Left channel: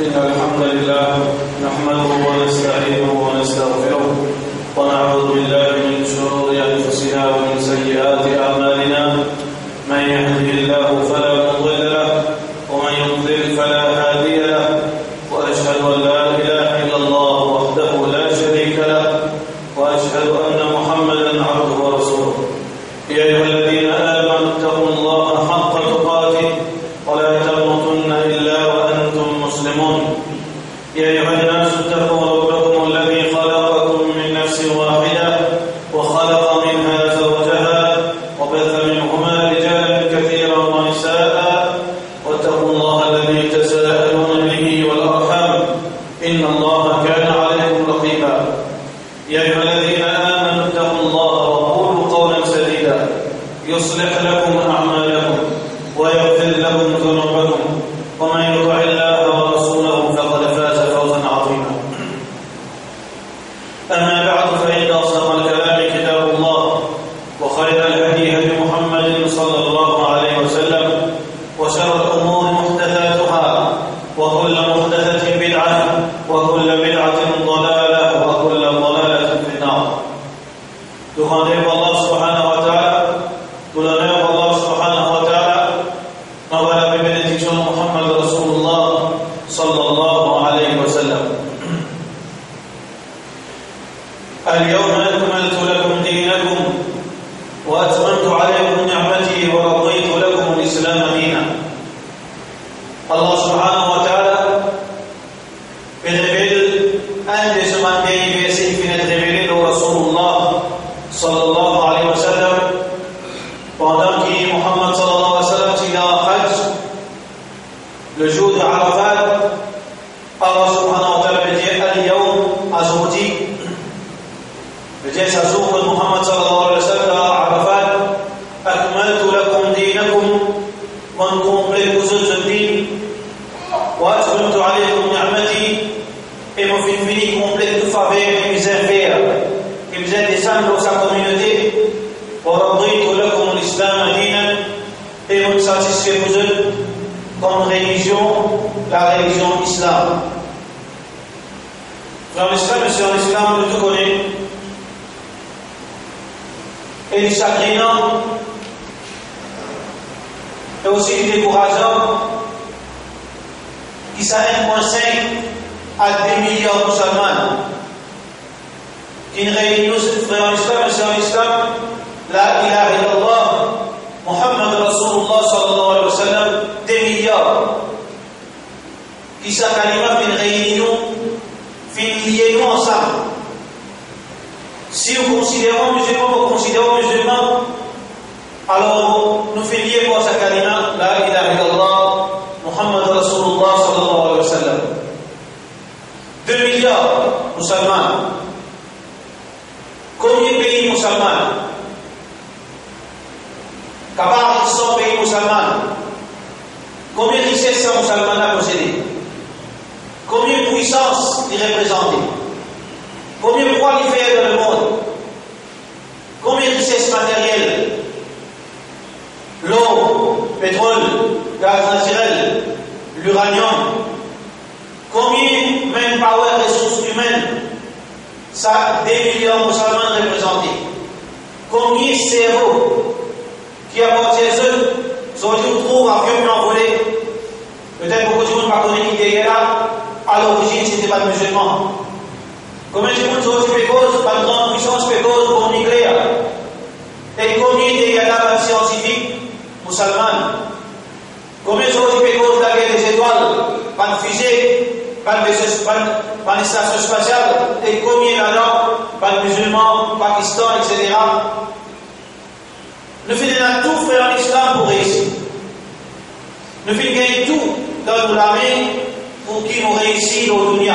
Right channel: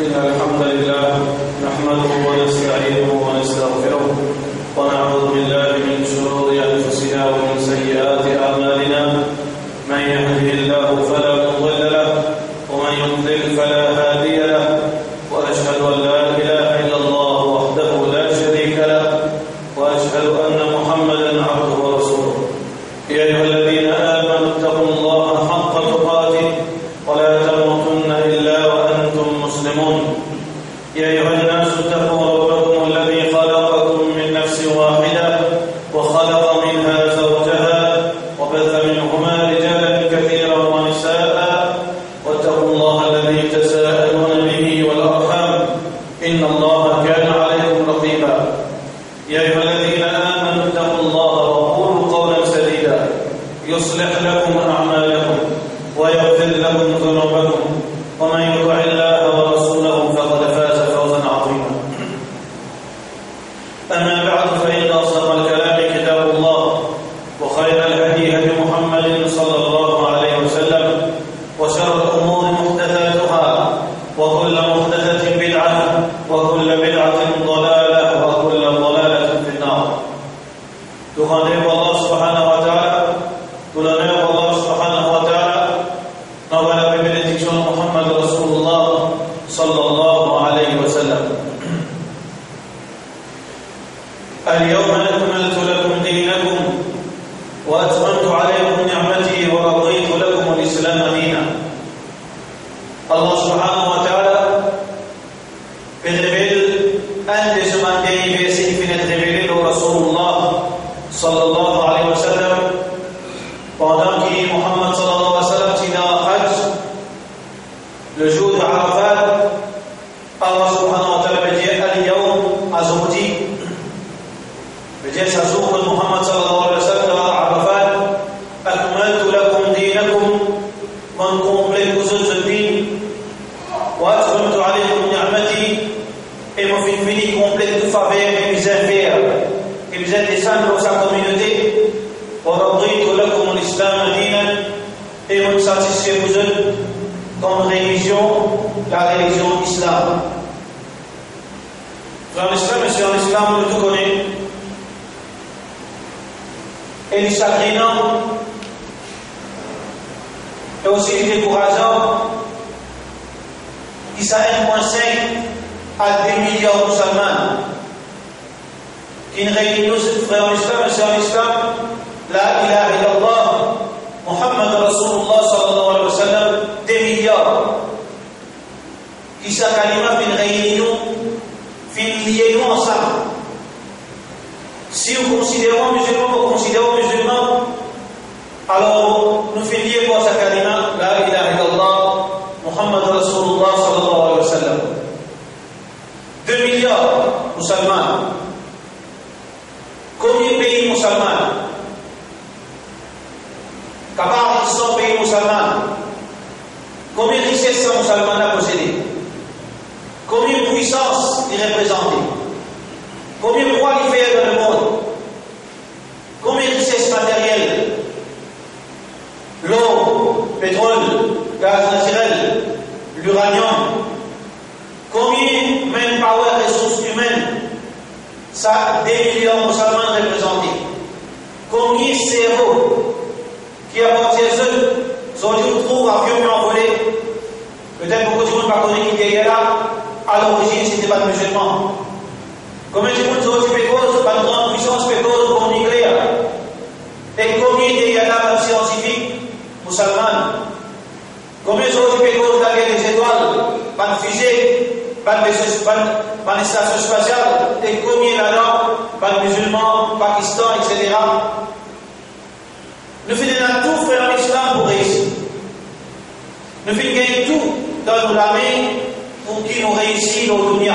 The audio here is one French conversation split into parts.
إن الحمد لله نحمده ونستعينه ونستغفره ونعوذ بالله من شرور أنفسنا ومن سيئات أعمالنا من يهده الله فلا مضل له ومن يضلل فلا هادي له وأشهد أن لا إله إلا الله وحده لا شريك له وأشهد أن محمدا عبده ورسوله يا أيها الذين آمنوا اتقوا الله حق تقاته ولا تموتن إلا وأنتم مسلمون يا أيها الناس اتقوا ربكم الذي خلقكم من نفس واحدة وخلق منها زوجها وبث منهما رجالا كثيرا ونساء واتقوا الله الذي تساءلون به والأرحام إن الله كان عليكم رقيبا يا أيها الذين آمنوا اتقوا الله وقولوا قولا سديدا يصلح لكم أعمالكم ويغفر لكم ذنوبكم ومن يطع الله ورسوله فقد فاز فوزا عظيما أما بعد فإن أصدق الكلام كتاب الله وخير الهدي هدي محمد صلى الله عليه وسلم وشر الأمور محدثاتها وكل محدثة بدعة وكل بدعة ضلالة وكل ضلالة في النار. Tout rendez Allah subhanahu wa ta'ala, tout l'honneur Allah subhanahu wa ta'ala, envoie la bénédiction de Muhammad Rasulullah sallallahu alayhi wa sallam. اليوم أكملت لكم دينكم وأتممت عليكم نعمتي ورضيت لكم الإسلام دينا. Allah subhanahu wa ta'ala révèle un des derniers versets qui vient d'être révélé au Rasulullah sallallahu alayhi wa sallam pendant que Muhammad sallallahu alayhi wa sallam tient un hajj le jour de Arafat. Allah subhanahu wa ta'ala veut dire al-yawm aujourd'hui veut dire ça jour de Muhammad sallallahu alayhi wa sallam à Arafat akmaltu lakum dinakum man complète vos autres dînes wa atmamtu alaykum ni'mati et mon fini complète de faveur et misère et vous êtes descendus dans sa communauté wa raditu lakum l'islam dinan et vous satisfait vous autres comme religion la religion islam. Dans l'islam et sur l'islam nous tout connaissons et du chagrinant et aussi du décourageant qui ça 1,5 à 2 milliards de musulmans qui ne réunissent frères en islam et sœurs en islam la ilaha illallah Muhammad Rasulullah sallallahu alayhi wa sallam 2 milliards qui ça kalima fin réunion fin liaison ensemble. Si nous considérons musulmans, alors nous faisons lier pour sa kalima la ilaha illallah Muhammad Rasulullah sallallahu alayhi wa sallam. 2 milliards musulmans. Combien de pays musulmans? Capable de 100 pays musulmans. Combien de richesses musulmans a possédé? Combien de puissance il représente? Combien de poids il fait dans le monde? Combien de richesses matérielles? L'eau, pétrole, gaz naturel, l'uranium. Combien de manpower, ressources humaines? Ça, 2 millions de musulmans représentés. Combien de cerveaux qui appartiennent à eux? Aujourd'hui, on trouve avions envolés. Peut-être beaucoup de gens ne connaissent pas qui était là. À l'origine, ce n'était pas de musulmans. Combien de gens aujourd'hui cause par une grande puissance cause pour le nucléaire? Et combien de gens scientifiques musulmans? Combien de gens cause la guerre des étoiles? Pas de fusée, pas de station spatiale? Et combien là-dedans? Pas de musulmans, Pakistan, etc. Nous faisons tout frère en islam pour réussir. Nous faisons gagner tout dans l'armée pour qui nous réussissent dans le dunya.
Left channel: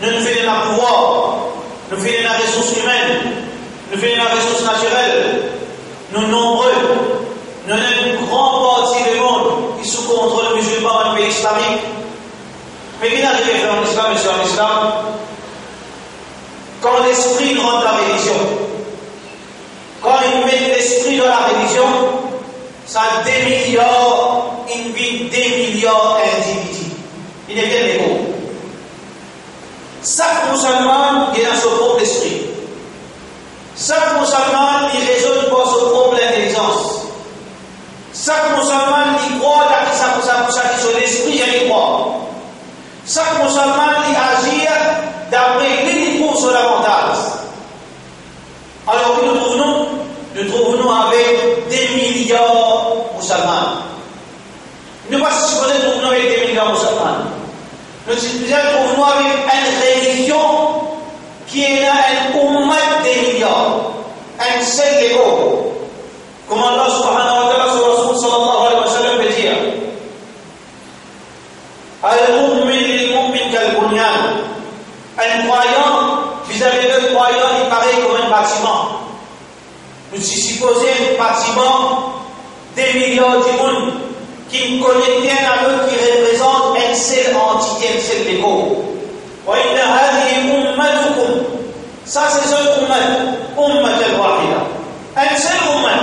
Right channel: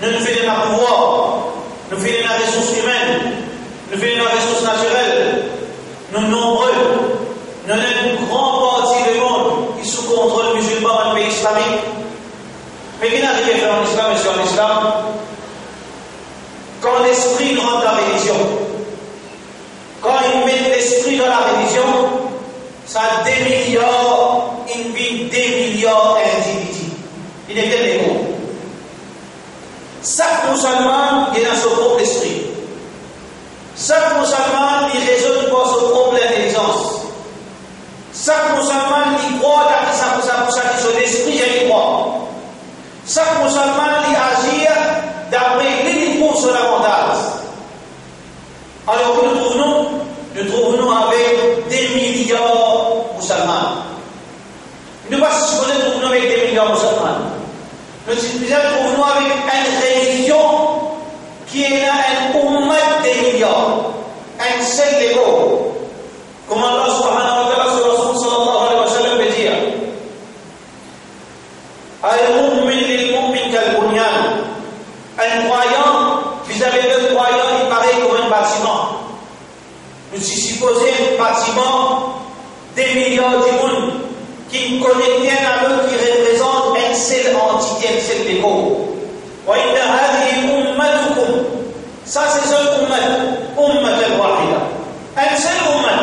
Nous faisons le pouvoir, nous faisons la ressource humaine, nous faisons la ressource naturelle. Nous nombreux, nous avons une grande partie du monde qui sous contrôle musulman dans le pays islamique. Mais qui n'arrive à faire en islam et sur l'islam? Quand l'esprit rentre la religion, quand il met l'esprit dans la religion, ça a 2 milliards, il vit 2 milliards d'individus. chaque musulman il a son propre esprit. Chaque musulman il raisonne par son propre intelligence. Chaque musulman il croit dans son esprit et il croit. Chaque musulman il agit d'après l'unique son avantage. Alors nous trouvons avec des milliards de musulmans. Nous ne pas supposer que nous trouvons avec des milliards de musulmans. Nous trouvons avec une religion qui est là, un ummat des milliards, un seul égo. Comme Allah subhanahu wa ta'ala sur Rasul sallallahu alayhi wa sallam veut dire Al-mu'min lil-mu'min kal-bunyan. Un croyant vis-à-vis d'un croyant il paraît comme un bâtiment. Nous supposons un bâtiment des milliards de monde qui connaît bien à l'autre, qui représente une seule entité, un seul égo. Ça c'est un ummat al-wahida. Un seul ummat.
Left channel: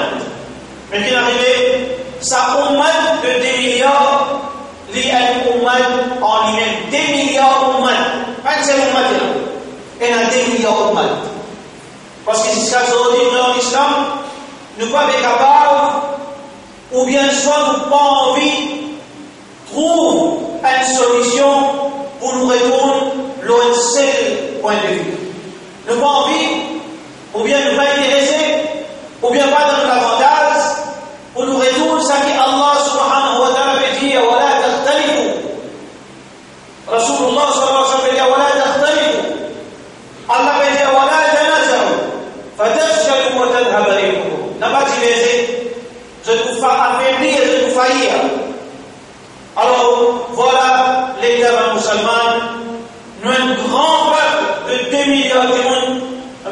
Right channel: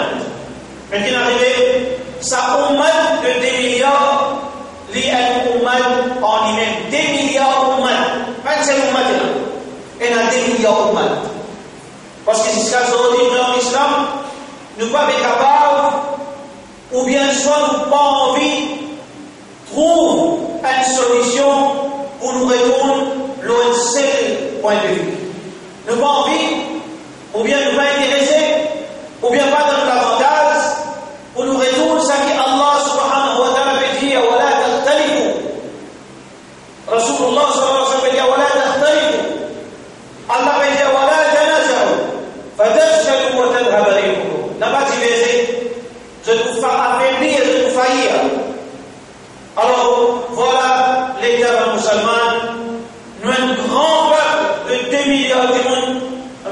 Mais qui n'arrivait, ça ummat de 2 milliards, li un ummat en lui-même. 2 milliards ummat. Un seul ummat là. Et il y a 2 milliards ummat. Parce que c'est ce qu'aujourd'hui dans l'islam, nous ne sommes pas capables, ou bien soit nous n'avons pas envie, trouver une solution pour nous répondre à un seul point de vue. Nous n'avons pas envie, ou bien nous pas intéressés, ou bien pas dans l'avantage, pour nous répondre ce que Allah subhanahu wa ta'ala veut dire, wa la takhtalifu. Rasulullah sallallahu alayhi wa sallam veut dire, wa la takhtalifu. Allah veut dire, wa la tanaza'u. Fatafshalu wa tadhhaba rihukum. N'a pas divisé. Je vous fais affaiblir, je vous faillir. Alors, voilà l'état musulman. Nous sommes un grand peuple de 2 milliards de monde,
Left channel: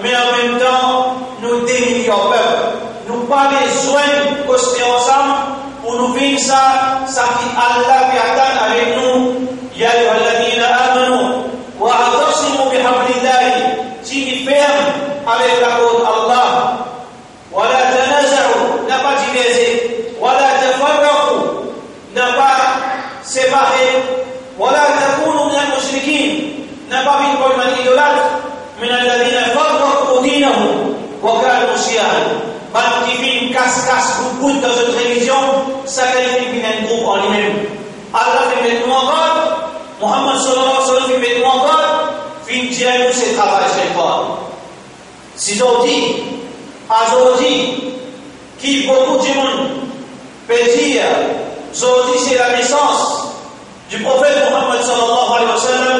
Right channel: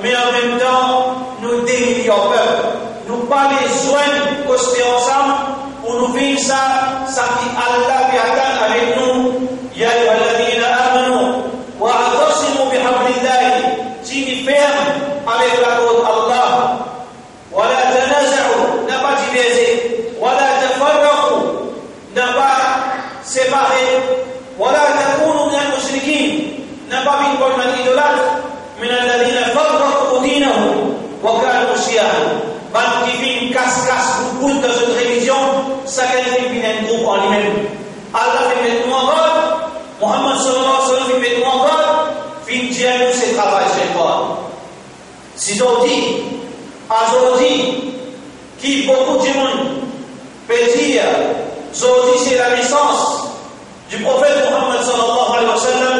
mais en même temps, nous 2 milliards de peuples. Nous n'avons pas besoin de coster ensemble pour nous vivre ça qui Allah peut attendre avec nous. Ya ayyuhalladhina amanu wa atasimu bihablillahi. Si nous fermes avec la cause Allah. Wa la tanaza'u. N'a pas divisé. Wa la tafarraqu. N'a pas séparé. Wa la takunu min al-mushrikin. N'a pas mis comme un idolâtre. من الذين فرقوا دينهم وكانوا شيعا. Ban qui fait une casse-casse boule dans cette religion, ça qualifie un groupe en lui-même. Allah fait mettre nous en God, Muhammad sallallahu alayhi wa sallam fait mettre nous en God, fin dire nous c'est travail chez toi. Si aujourd'hui, qui beaucoup de monde peut dire, aujourd'hui c'est la naissance du prophète Muhammad sallallahu alayhi wa sallam,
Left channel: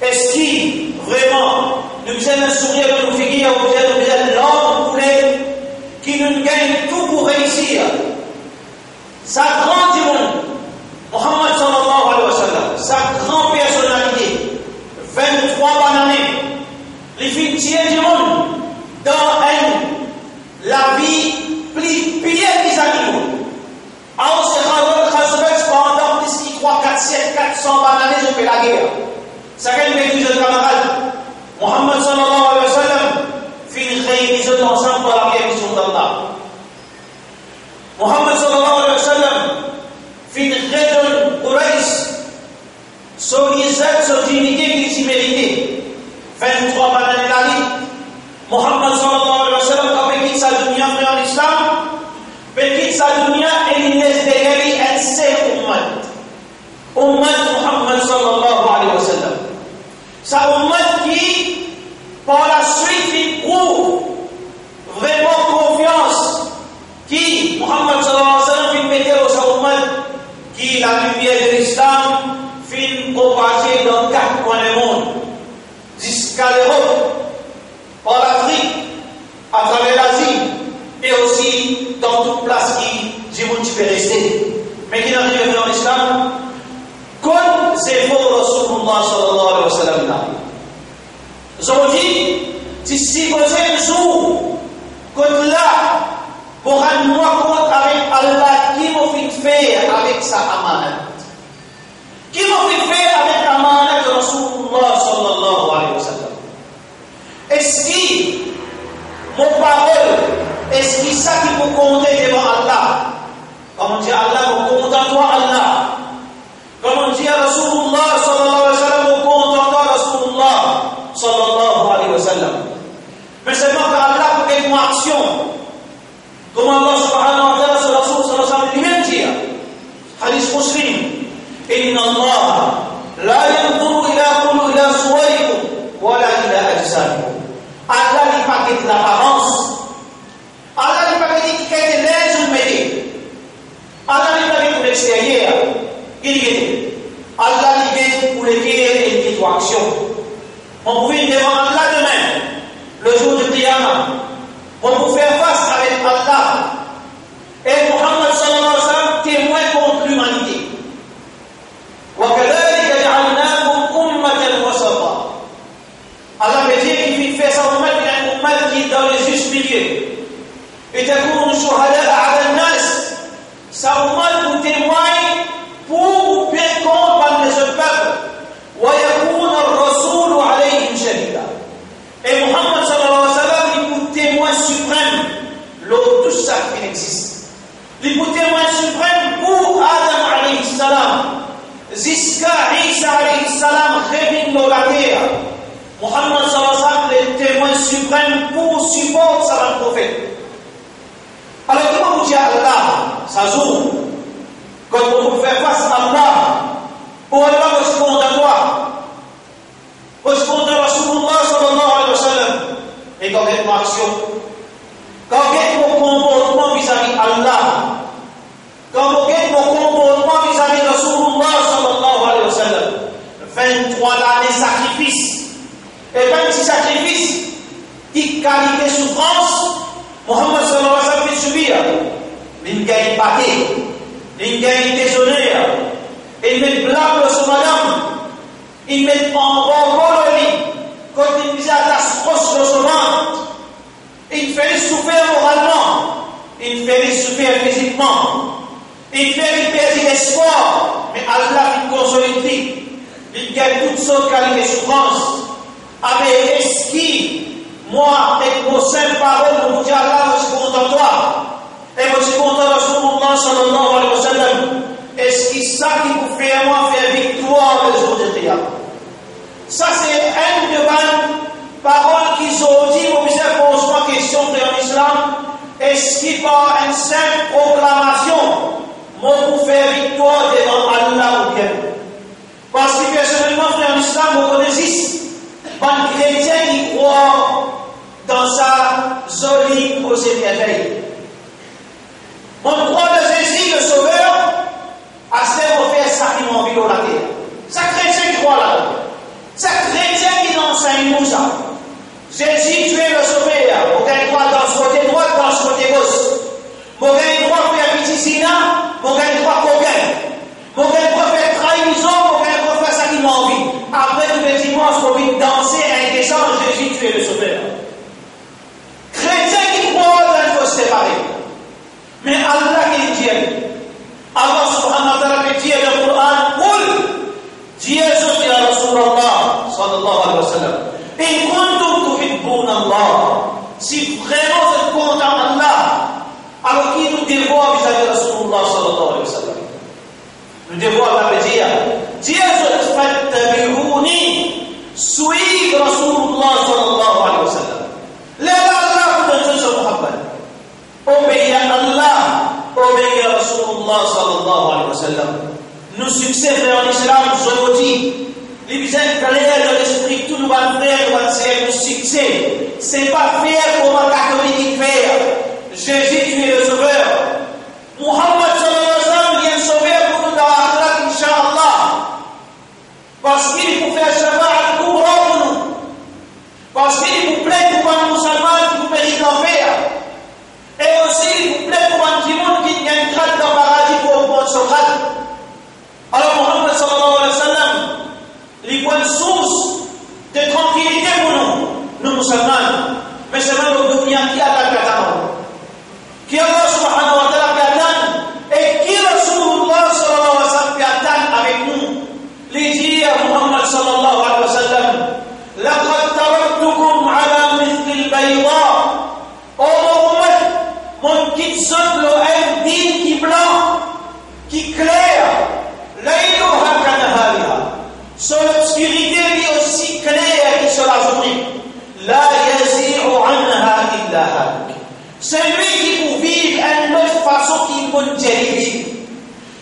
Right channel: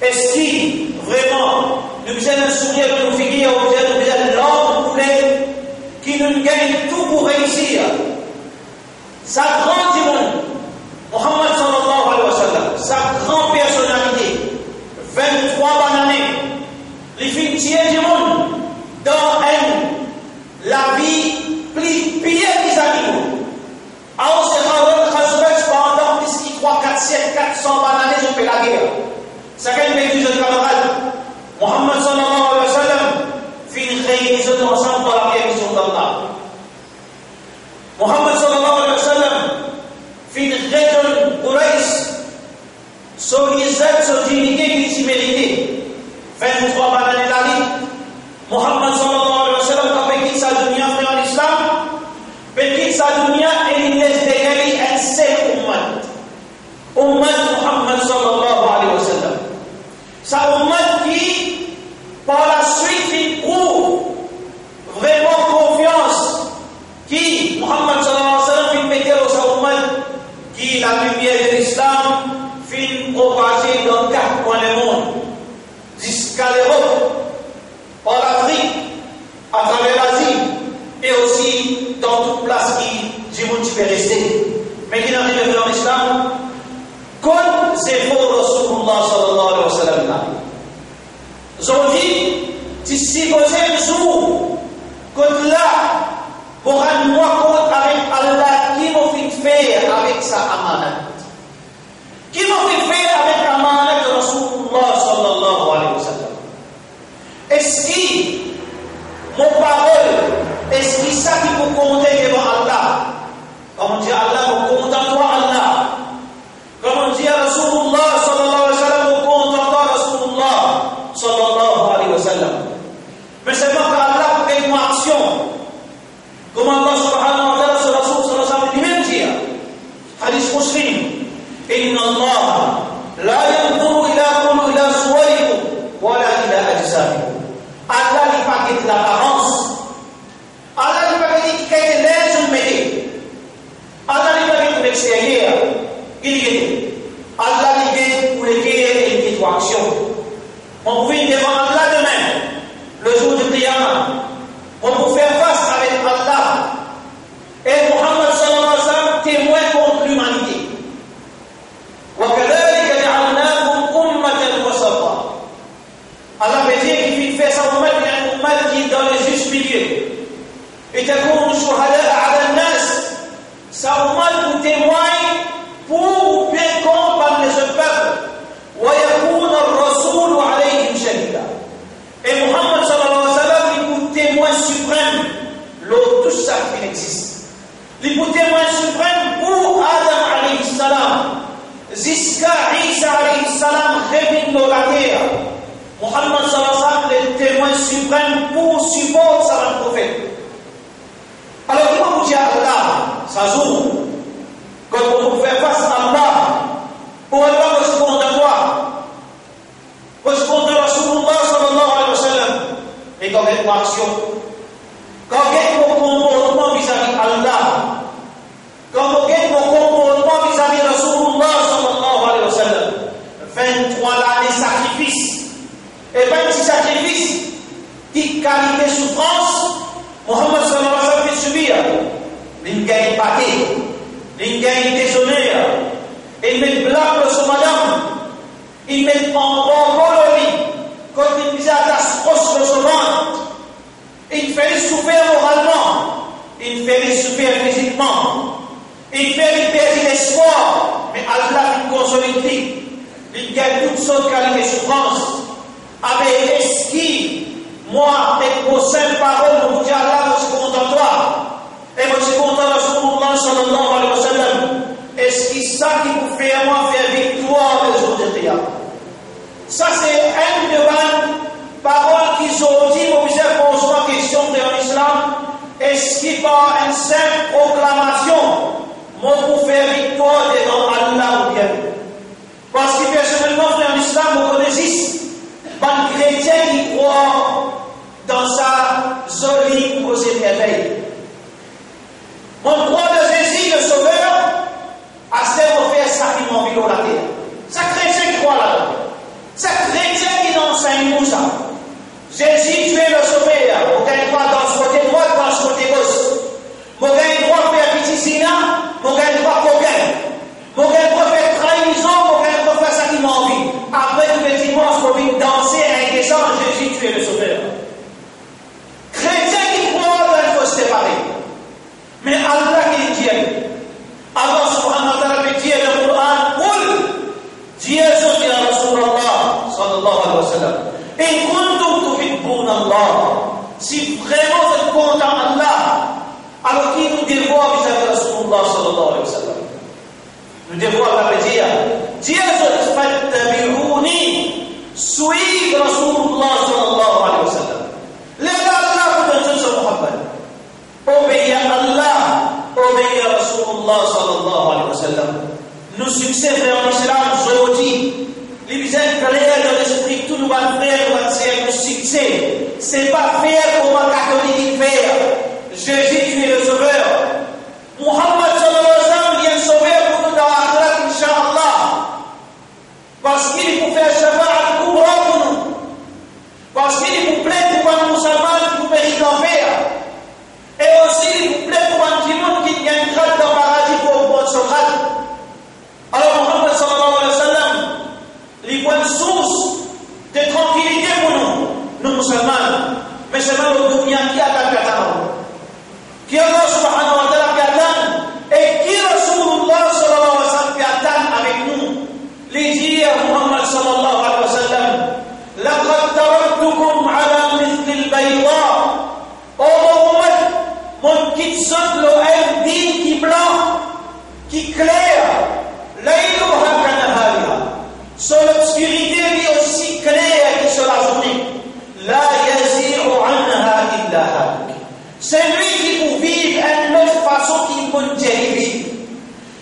est-ce qu'il vraiment nous faisons un sourire de nos figures, nous faisons l'homme voulait qui nous gagne tout pour réussir. Sa grande monde, Muhammad sallallahu alayhi wa sallam, sa grande personnalité, 23 bonnes années, les filles du monde, dans la vie plus pire des animaux. Alors, c'est pendant plus de 3, 4, 7, 400 bonnes années, on fait la guerre. Ça gagne mes deux camarades. Muhammad sallallahu alayhi wa sallam fait une réunion ensemble pour la mission d'Allah. Muhammad sallallahu alayhi wa sallam fait une réunion Quraysh sur l'Islam, sur l'unité qui s'y méritait. 23 années d'année. Muhammad sallallahu alayhi wa sallam quand il quitte sa dunya en islam, il quitte sa dunya et il laisse derrière lui un seul ummat. Ummat Muhammad sallallahu alayhi wa sallam. Sa ummat qui, par la suite, il prouve vraiment confiance qui, Muhammad sallallahu alayhi wa sallam, fait mettre au sa ummat qui, la lumière de l'islam, fait propager dans 4 coins du monde, jusqu'à l'Europe, par l'Afrique, à travers l'Asie, et aussi dans toute place qui, du monde qui peut rester, mais qui n'arrive dans l'islam. Comme c'est pour Rasulullah sallallahu alayhi wa sallam là. Aujourd'hui, si vous êtes un jour, quand là, pour rendre-moi compte avec Allah, qui m'a fait faire avec sa amanat? Qui m'a fait faire avec l'amanat de Rasulullah sallallahu alayhi wa sallam? Est-ce que mon parole, est-ce que ça qui vous compte devant Allah? Comme on dit Allah, vous comptez en toi Allah. Comme on dit à Rasulullah sallallahu alayhi wa sallam, vous comptez en toi Rasulullah. l'extérieur. Il dit, Allah dit pour les guerres et les actions. On pouvait devant Allah demain, le jour du Qiyamah. On peut faire face avec Allah. Et Muhammad sallallahu alayhi wa sallam témoin contre l'humanité. وَكَذَلِكَ جَعَلْنَاكُمْ أُمَّةً وَسَطًا. Allah veut dire qu'il fait sa ummat une ummat qui est dans le juste milieu. Et تكونوا شهداء على الناس. Sa ummat vous témoigne pour bien compte parmi ce peuple. وَيَكُونَ الرَّسُولُ عَلَيْهِمْ شَهِيدًا. Et Muhammad sallallahu alayhi wa sallam est pour témoin suprême lors de tout ça qui existe. Il est pour témoin suprême pour Adam alayhi salam. Jusqu'à Isa alayhi salam revient dans la terre. Muhammad sallallahu alayhi wa sallam est le témoin suprême pour supporter sa prophète. Alors comment vous dites à Allah, ça joue, quand on fait face à Allah, pour Allah répondre à toi, répondre à Rasulullah sallallahu alayhi wa sallam, et quand il y a une action, quand il y a un comportement vis-à-vis d'Allah, quand il y a un comportement vis-à-vis de Rasulullah sallallahu alayhi wa sallam, 23 années de sacrifice, et 26 sacrifices, qui qualité souffrance, Muhammad sallallahu alayhi wa sallam fait subir. Il gagne paquet, il gagne désonère, il met blâme sur madame, il met en bord le lit, quand il disait à la grosse de son ventre, il fait souffrir moralement, il fait souffrir physiquement, il fait perdre l'espoir, mais Allah il consolide, il gagne toutes sortes de qualités de souffrance. Avec esquive, moi, avec vos saintes paroles, nous disons Allah, je suis content de toi. Et je suis content de Rasulullah sallallahu alayhi wa sallam. Est-ce que ça qui vous fait à moi faire victoire le jour de Qiyamah? Ça, c'est une de mes paroles qui sont dites au misère pour soi question de l'islam. Est-ce qu'il par une simple proclamation, moi, pour faire victoire devant Allah ou bien? Parce que personnellement, frère l'islam, vous connaissez. Un chrétien qui croit dans sa jolie posée merveille. On croit de Jésus, le Sauveur, à ce qu'on fait sacrément vivre la terre. C'est chrétien qui croit là-dedans. C'est chrétien qui enseigne nous ça. Jésus, tu es le Sauveur. On gagne droit dans ce côté droit, dans ce côté gauche. On gagne droit pour faire petit signal, on gagne droit pour gagner. On gagne droit pour faire trahison, on gagne droit pour faire ça qui m'a envie. Après, tous les dimanches, on vient danser à un échange, Jésus, tu es le Sauveur. Chrétien qui croit, il faut se séparer. Mais Allah qui est Dieu. Allah subhanahu wa ta'ala fait dire dans le Coran, قل جئت يا رسول الله صلى الله عليه وسلم إن كنتم تحبون الله. Si vraiment vous êtes content d'Allah, alors qui nous dévoie vis-à-vis de Rasulullah sallallahu alayhi wa sallam? Nous dévoie Allah veut dire جئت فاتبعوني, suivez Rasulullah sallallahu alayhi wa sallam. Là Allah vous donne ce Muhammad. Obéir à Allah, obéir à Rasulullah sallallahu alayhi wa sallam. Nos succès frères en islam, aujourd'hui, les visages clairs dans l'esprit, tout nous va faire, nous va faire nos succès. C'est pas faire comme un catholique faire. Jésus, tu es le sauveur. Muhammad sallallahu alayhi wa sallam vient sauver pour nous dans l'akhirat, incha'Allah. Parce qu'il est pour faire shafa'a pour nous. Parce qu'il est pour plaire pour un musulman qui vous mérite l'enfer. Et aussi, il vous plaît pour un petit monde qui gagne une grade dans le paradis pour prendre son grade. Alors, Muhammad sallallahu alayhi wa sallam, les points de source de tranquillité pour nous musulmans. Mais c'est même le dunya qui attaque la terre. Qui Allah subhanahu wa ta'ala qui attend, et qui Rasulullah sallallahu alayhi wa sallam qui attend avec nous. Les dire Muhammad sallallahu alayhi wa sallam, لَقَدْ تَرَكْتُكُمْ عَلَى مِثْلِ الْبَيْضَاءِ. Mon qui semble un digne qui blanc, qui clair, l'aïlouha kanahariha. Son obscurité est aussi claire que sur la journée. La yazi'u anha illa halik. C'est lui qui vous vit une autre façon qui vous dirige.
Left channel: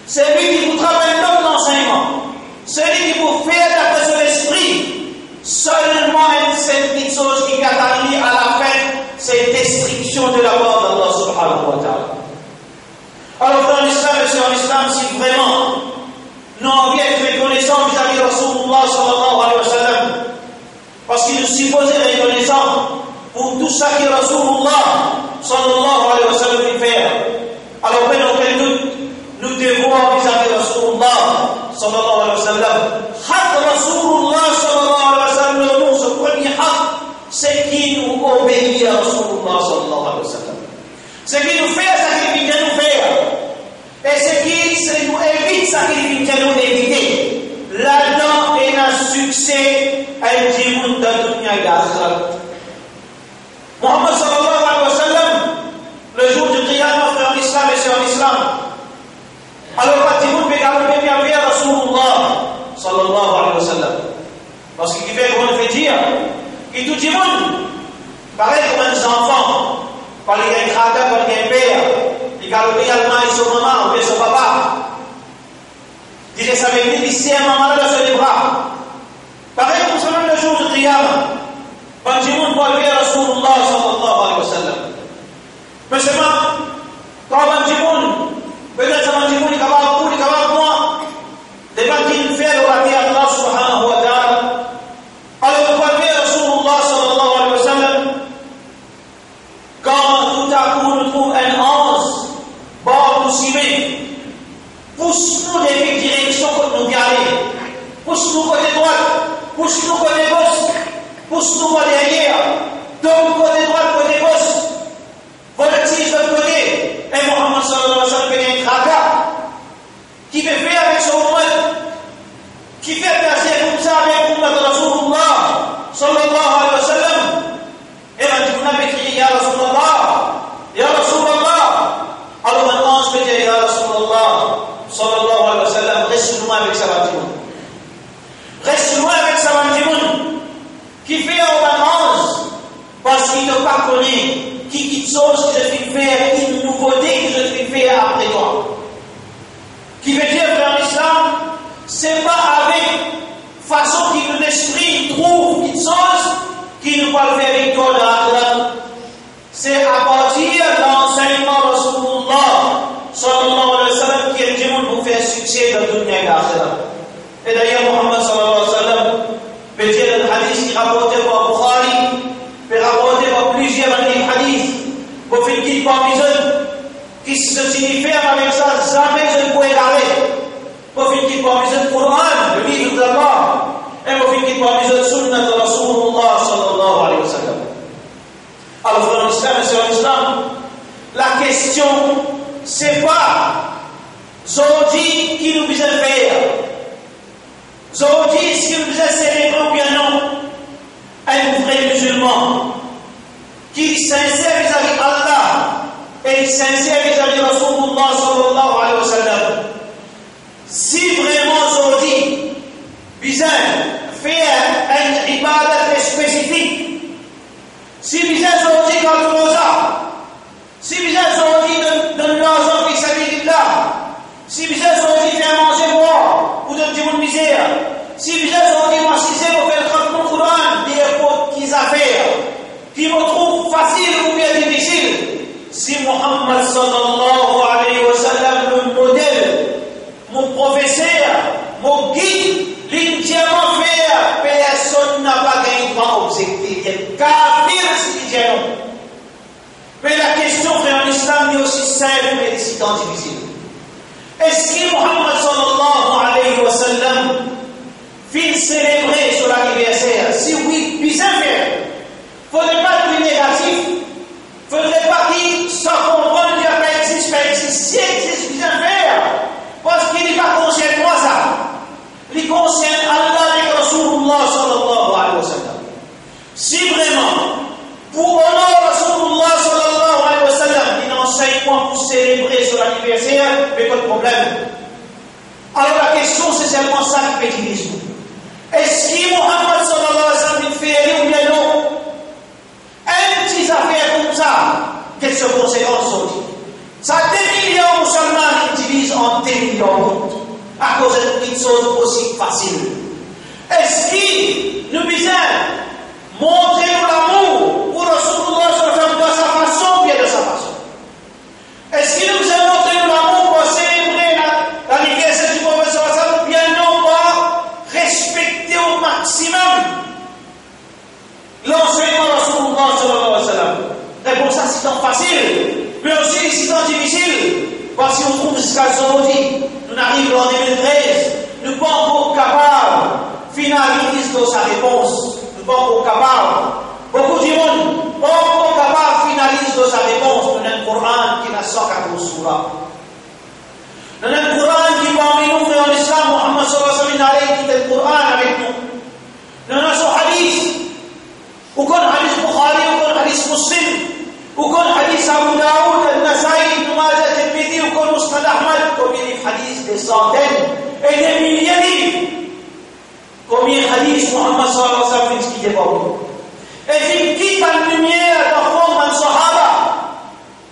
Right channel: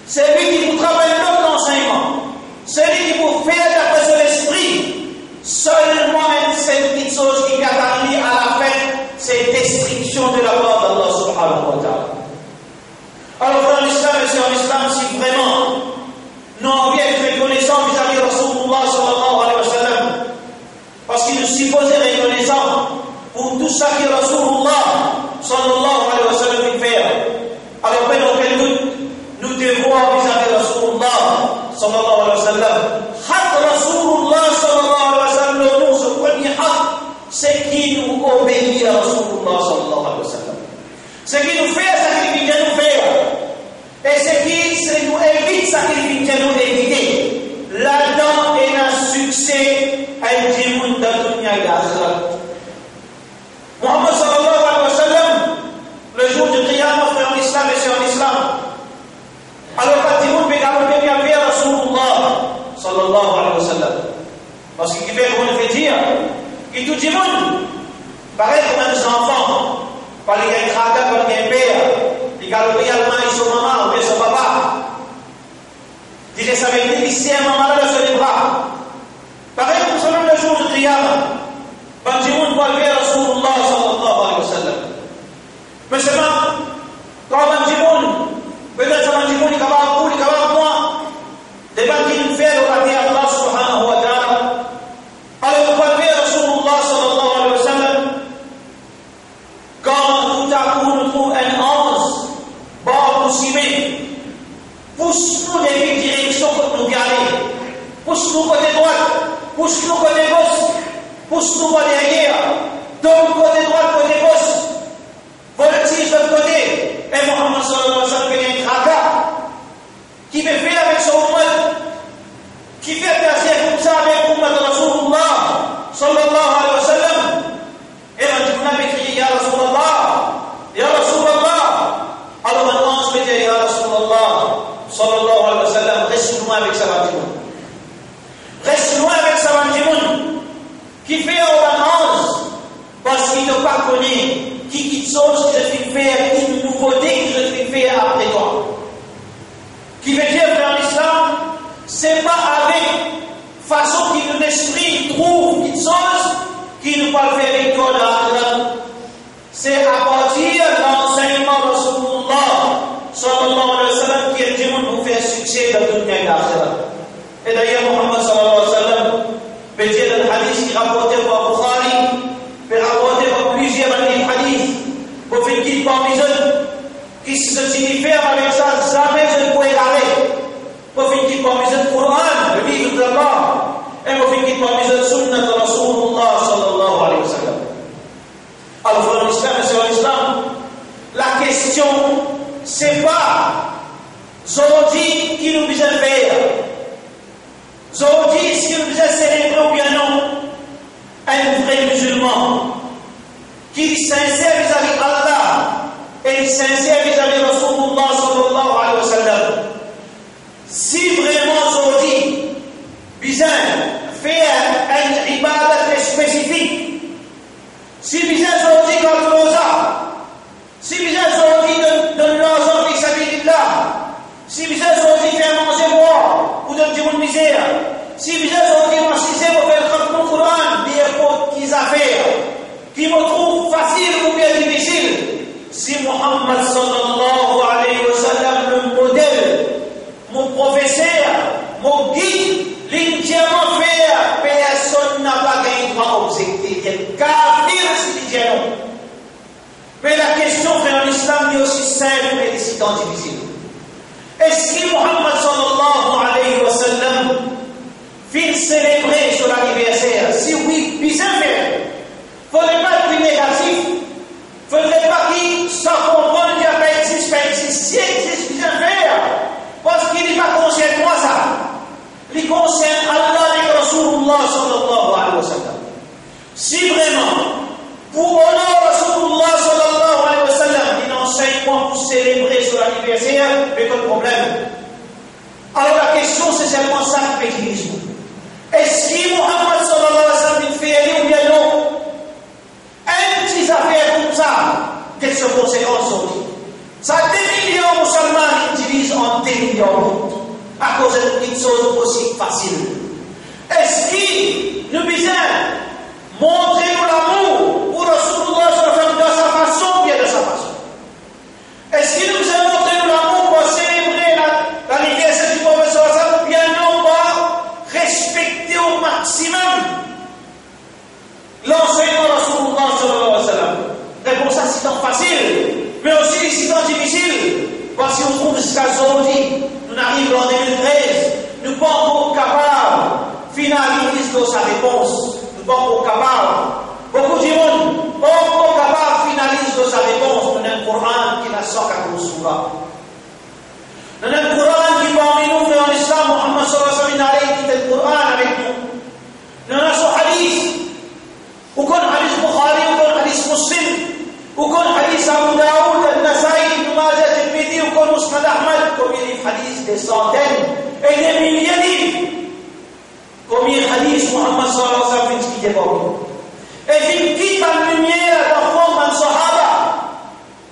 C'est lui qui vous travaille un autre enseignement. C'est lui qui vous fait d'après son esprit. Seulement cette petite chose qui arrive à la fin, c'est destruction de la part d'Allah subhanahu wa ta'ala. Alors dans l'islam, et c'est en islam, si vraiment sallallahu alayhi wa sallam. Haq Rasulullah sallallahu alayhi wa sallam, le nom, ce premier haq, c'est qui nous obéit à Rasulullah sallallahu alayhi wa sallam. C'est qui nous fait sacrifier nous faire. Et c'est qui nous évite sacrifier nous éviter. Là-dedans, il y a un succès à une monde de dunya et d'akhirat. Muhammad sallallahu alayhi wa sallam, le jour du qiyamah, frère en islam et sœur en islam, alors quand il peut galoper bien vers Rasulullah sallallahu alayhi wa sallam, parce qu'il fait qu'on fait dire, il tout le monde, pareil comme un enfant, quand il y a un crada, quand il y a un père, il galope allemand, il son maman, ou bien son papa, il dit ça veut dire qu'il sait un maman là sur les bras. Pareil comme ça, le jour du qiyamah, quand il monde va vers Rasulullah sallallahu alayhi wa sallam. Mais c'est pas, quand il monde, peut-être ça il va beaucoup, il va moi, des gens qui fait le raté à Allah subhanahu wa ta'ala. Alors, on va vers Rasulullah sallallahu alayhi wa sallam. Quand tout à coup on trouve un ange, bord ou cimé, pousse-nous dans les directions que nous garder. Pousse-nous côté droite, pousse-nous côté gauche, pousse-nous côté derrière, donne côté droite, côté gauche. Voltige de l'autre côté. Et Muhammad sallallahu alayhi wa sallam fait un tracas qui fait faire avec son ummat, qui fait passer comme ça avec l'ummat de Rasulullah sallallahu alayhi wa sallam. Et on a crié Ya Rasulallah, Ya Rasulallah. Alors maintenant on se dit Ya Rasulallah sallallahu alayhi wa sallam, reste loin avec sa bâtiment. Reste loin avec sa bâtiment. Qui fait un ange parce qu'il ne pas connaît. Qui chose que je vais faire, une nouveauté que je vais faire après toi. Qui veut dire que l'islam, c'est pas avec façon que l'esprit trouve une chose qui nous va faire avec toi de l'âme. C'est à partir de l'enseignement de Rasulullah sallallahu alayhi wa sallam qui est le monde pour faire succès dans le dunya et l'âme. Et d'ailleurs, Muhammad sallallahu alayhi wa sallam peut dire le hadith qui est rapporté par Bukhari, peut rapporter par plusieurs hadiths. Pour faire qu'il parmi eux, qui se signifie avec ça, jamais je ne pourrais garder. Pour faire qu'il parmi eux, le Coran, le livre d'Allah, et pour faire qu'il parmi eux, le sunnah de Rasulullah sallallahu alayhi wa sallam. Alors, dans l'islam et sur l'islam, la question, c'est pas aujourd'hui qui nous besoin faire. Aujourd'hui, est-ce qu'il nous besoin célébrer ou bien non? Un vrai musulman qui est sincère vis-à-vis d'Allah et sincère vis-à-vis de Rasulullah sallallahu alayhi wa sallam. Si vraiment aujourd'hui, besoin faire une ibadat spécifique, si besoin aujourd'hui quand on a, si besoin aujourd'hui de l'argent qui s'habille là, si besoin aujourd'hui faire manger boire ou de dire une misère, si besoin aujourd'hui marcher pour faire le Coran, des fautes qu'ils ont fait, qui me trouve facile ou bien difficile, si Muhammad sallallahu alayhi wa sallam, le modèle, mon professeur, mon guide, l'entièrement fait, personne n'a pas gagné droit objectif. Il y a kafir si dit non. Mais la question, frère, en islam est aussi simple mais si tant difficile. Est-ce que Muhammad sallallahu alayhi wa sallam fait célébrer sur l'anniversaire? Si oui, bien faire. Il ne faudrait pas être négatif. Il ne faudrait pas qu'il s'en comprenne qu'il n'y a pas existe, pas existe. Si existe, bien faire. Parce qu'il n'est pas concerne moi ça. Il concerne Allah et Rasulullah sallallahu alayhi wa sallam. Si vraiment, pour honorer Rasulullah sallallahu alayhi wa sallam, il enseigne moi pour célébrer sur l'anniversaire, mais pas de problème. Alors la question, c'est seulement ça qui fait qu'il dit. Est-ce que Muhammad sallallahu alayhi wa sallam fait aller ou bien non? Un petit affaire comme ça, quelles sont les conséquences aujourd'hui? Ça, des millions de musulmans utilisent en des millions à cause de petites choses aussi faciles. Est-ce qu'il nous besoin montrer l'amour pour Rasulullah de sa façon ou bien de sa façon? Est-ce qu'il nous besoin montrer l'amour pour célébrer l'anniversaire du professeur ou bien non pas respecter au maximum l'enseignement de Rasulullah sallallahu alayhi wa sallam? Réponse à si tant facile, mais aussi si tant difficile. Parce qu'on trouve jusqu'à aujourd'hui, nous arrivons en 2013, nous sa réponse. Nous sommes capables. Beaucoup de monde, on capable finaliser sa réponse dans le Coran qui n'a sorti à Surah. Dans le Coran qui parmi nous, frères en islam, Muhammad sallallahu alayhi wa sallam, qui est le Coran avec nous. Dans notre hadith, ou qu'on hadith Bukhari, ou qu'on hadith Muslim, ou qu'on hadith Abu Daoud, Al-Nasai, Ibn Majah, Tirmidhi, ou qu'on Musnad Ahmad, combien de hadiths, des centaines et des milliers de livres. Combien de hadiths Muhammad sallallahu alayhi wa sallam qui est parmi nous. Et il quitte la lumière d'enfant dans le Sahaba,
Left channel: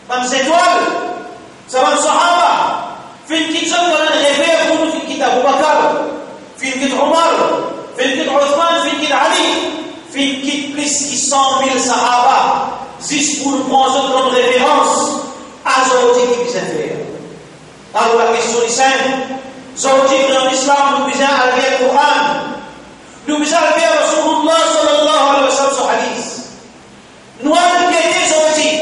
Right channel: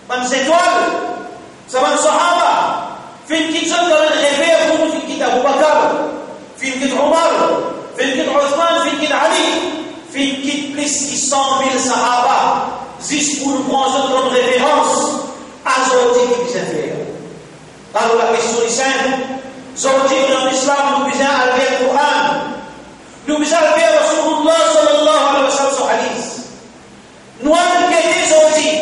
dans les étoiles, c'est dans le Sahaba. Il quitte ça dans le réveil, il quitte Abu Bakr, il quitte Omar, il quitte Othman, il quitte Ali, il quitte plus de 100 000 Sahaba, juste pour nous prendre comme référence à ce qui vient faire. Alors la question est simple, aujourd'hui dans l'islam, nous besoin d'arriver au Coran, nous besoin d'arriver à Rasulullah sallallahu alayhi wa sallam sur hadith. Nous avons été aujourd'hui,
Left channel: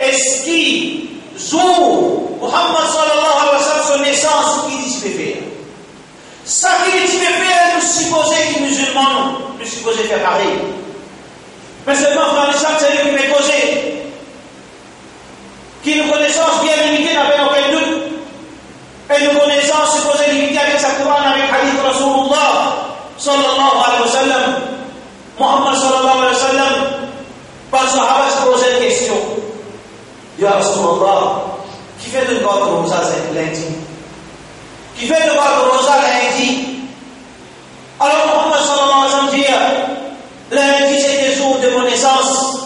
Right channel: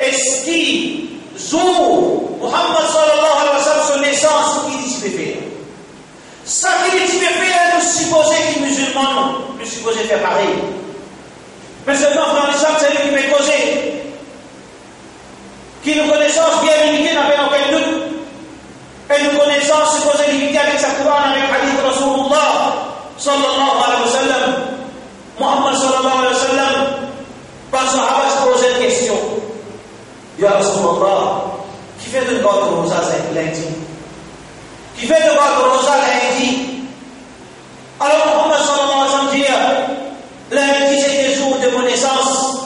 est-ce qu'il joue Muhammad sallallahu alayhi wa sallam son naissance qui dit qu'il fait faire? Ça qui dit qu'il fait faire, nous supposons que les musulmans, nous supposons faire pareil. Mais seulement dans l'islam, c'est lui qui m'est causé. Qui nous connaissance bien limitée n'avait aucun doute. Et nous connaissance supposée limitée avec sa Coran, avec hadith Rasulullah sallallahu alayhi wa sallam. Muhammad sallallahu alayhi wa sallam, par Sahaba se posait une question. Ya Rasulullah, qui fait de God Rosa lundi? Qui fait de God Rosa lundi? Alors Muhammad sallallahu alayhi wa sallam dit, lundi c'était jour de mon naissance.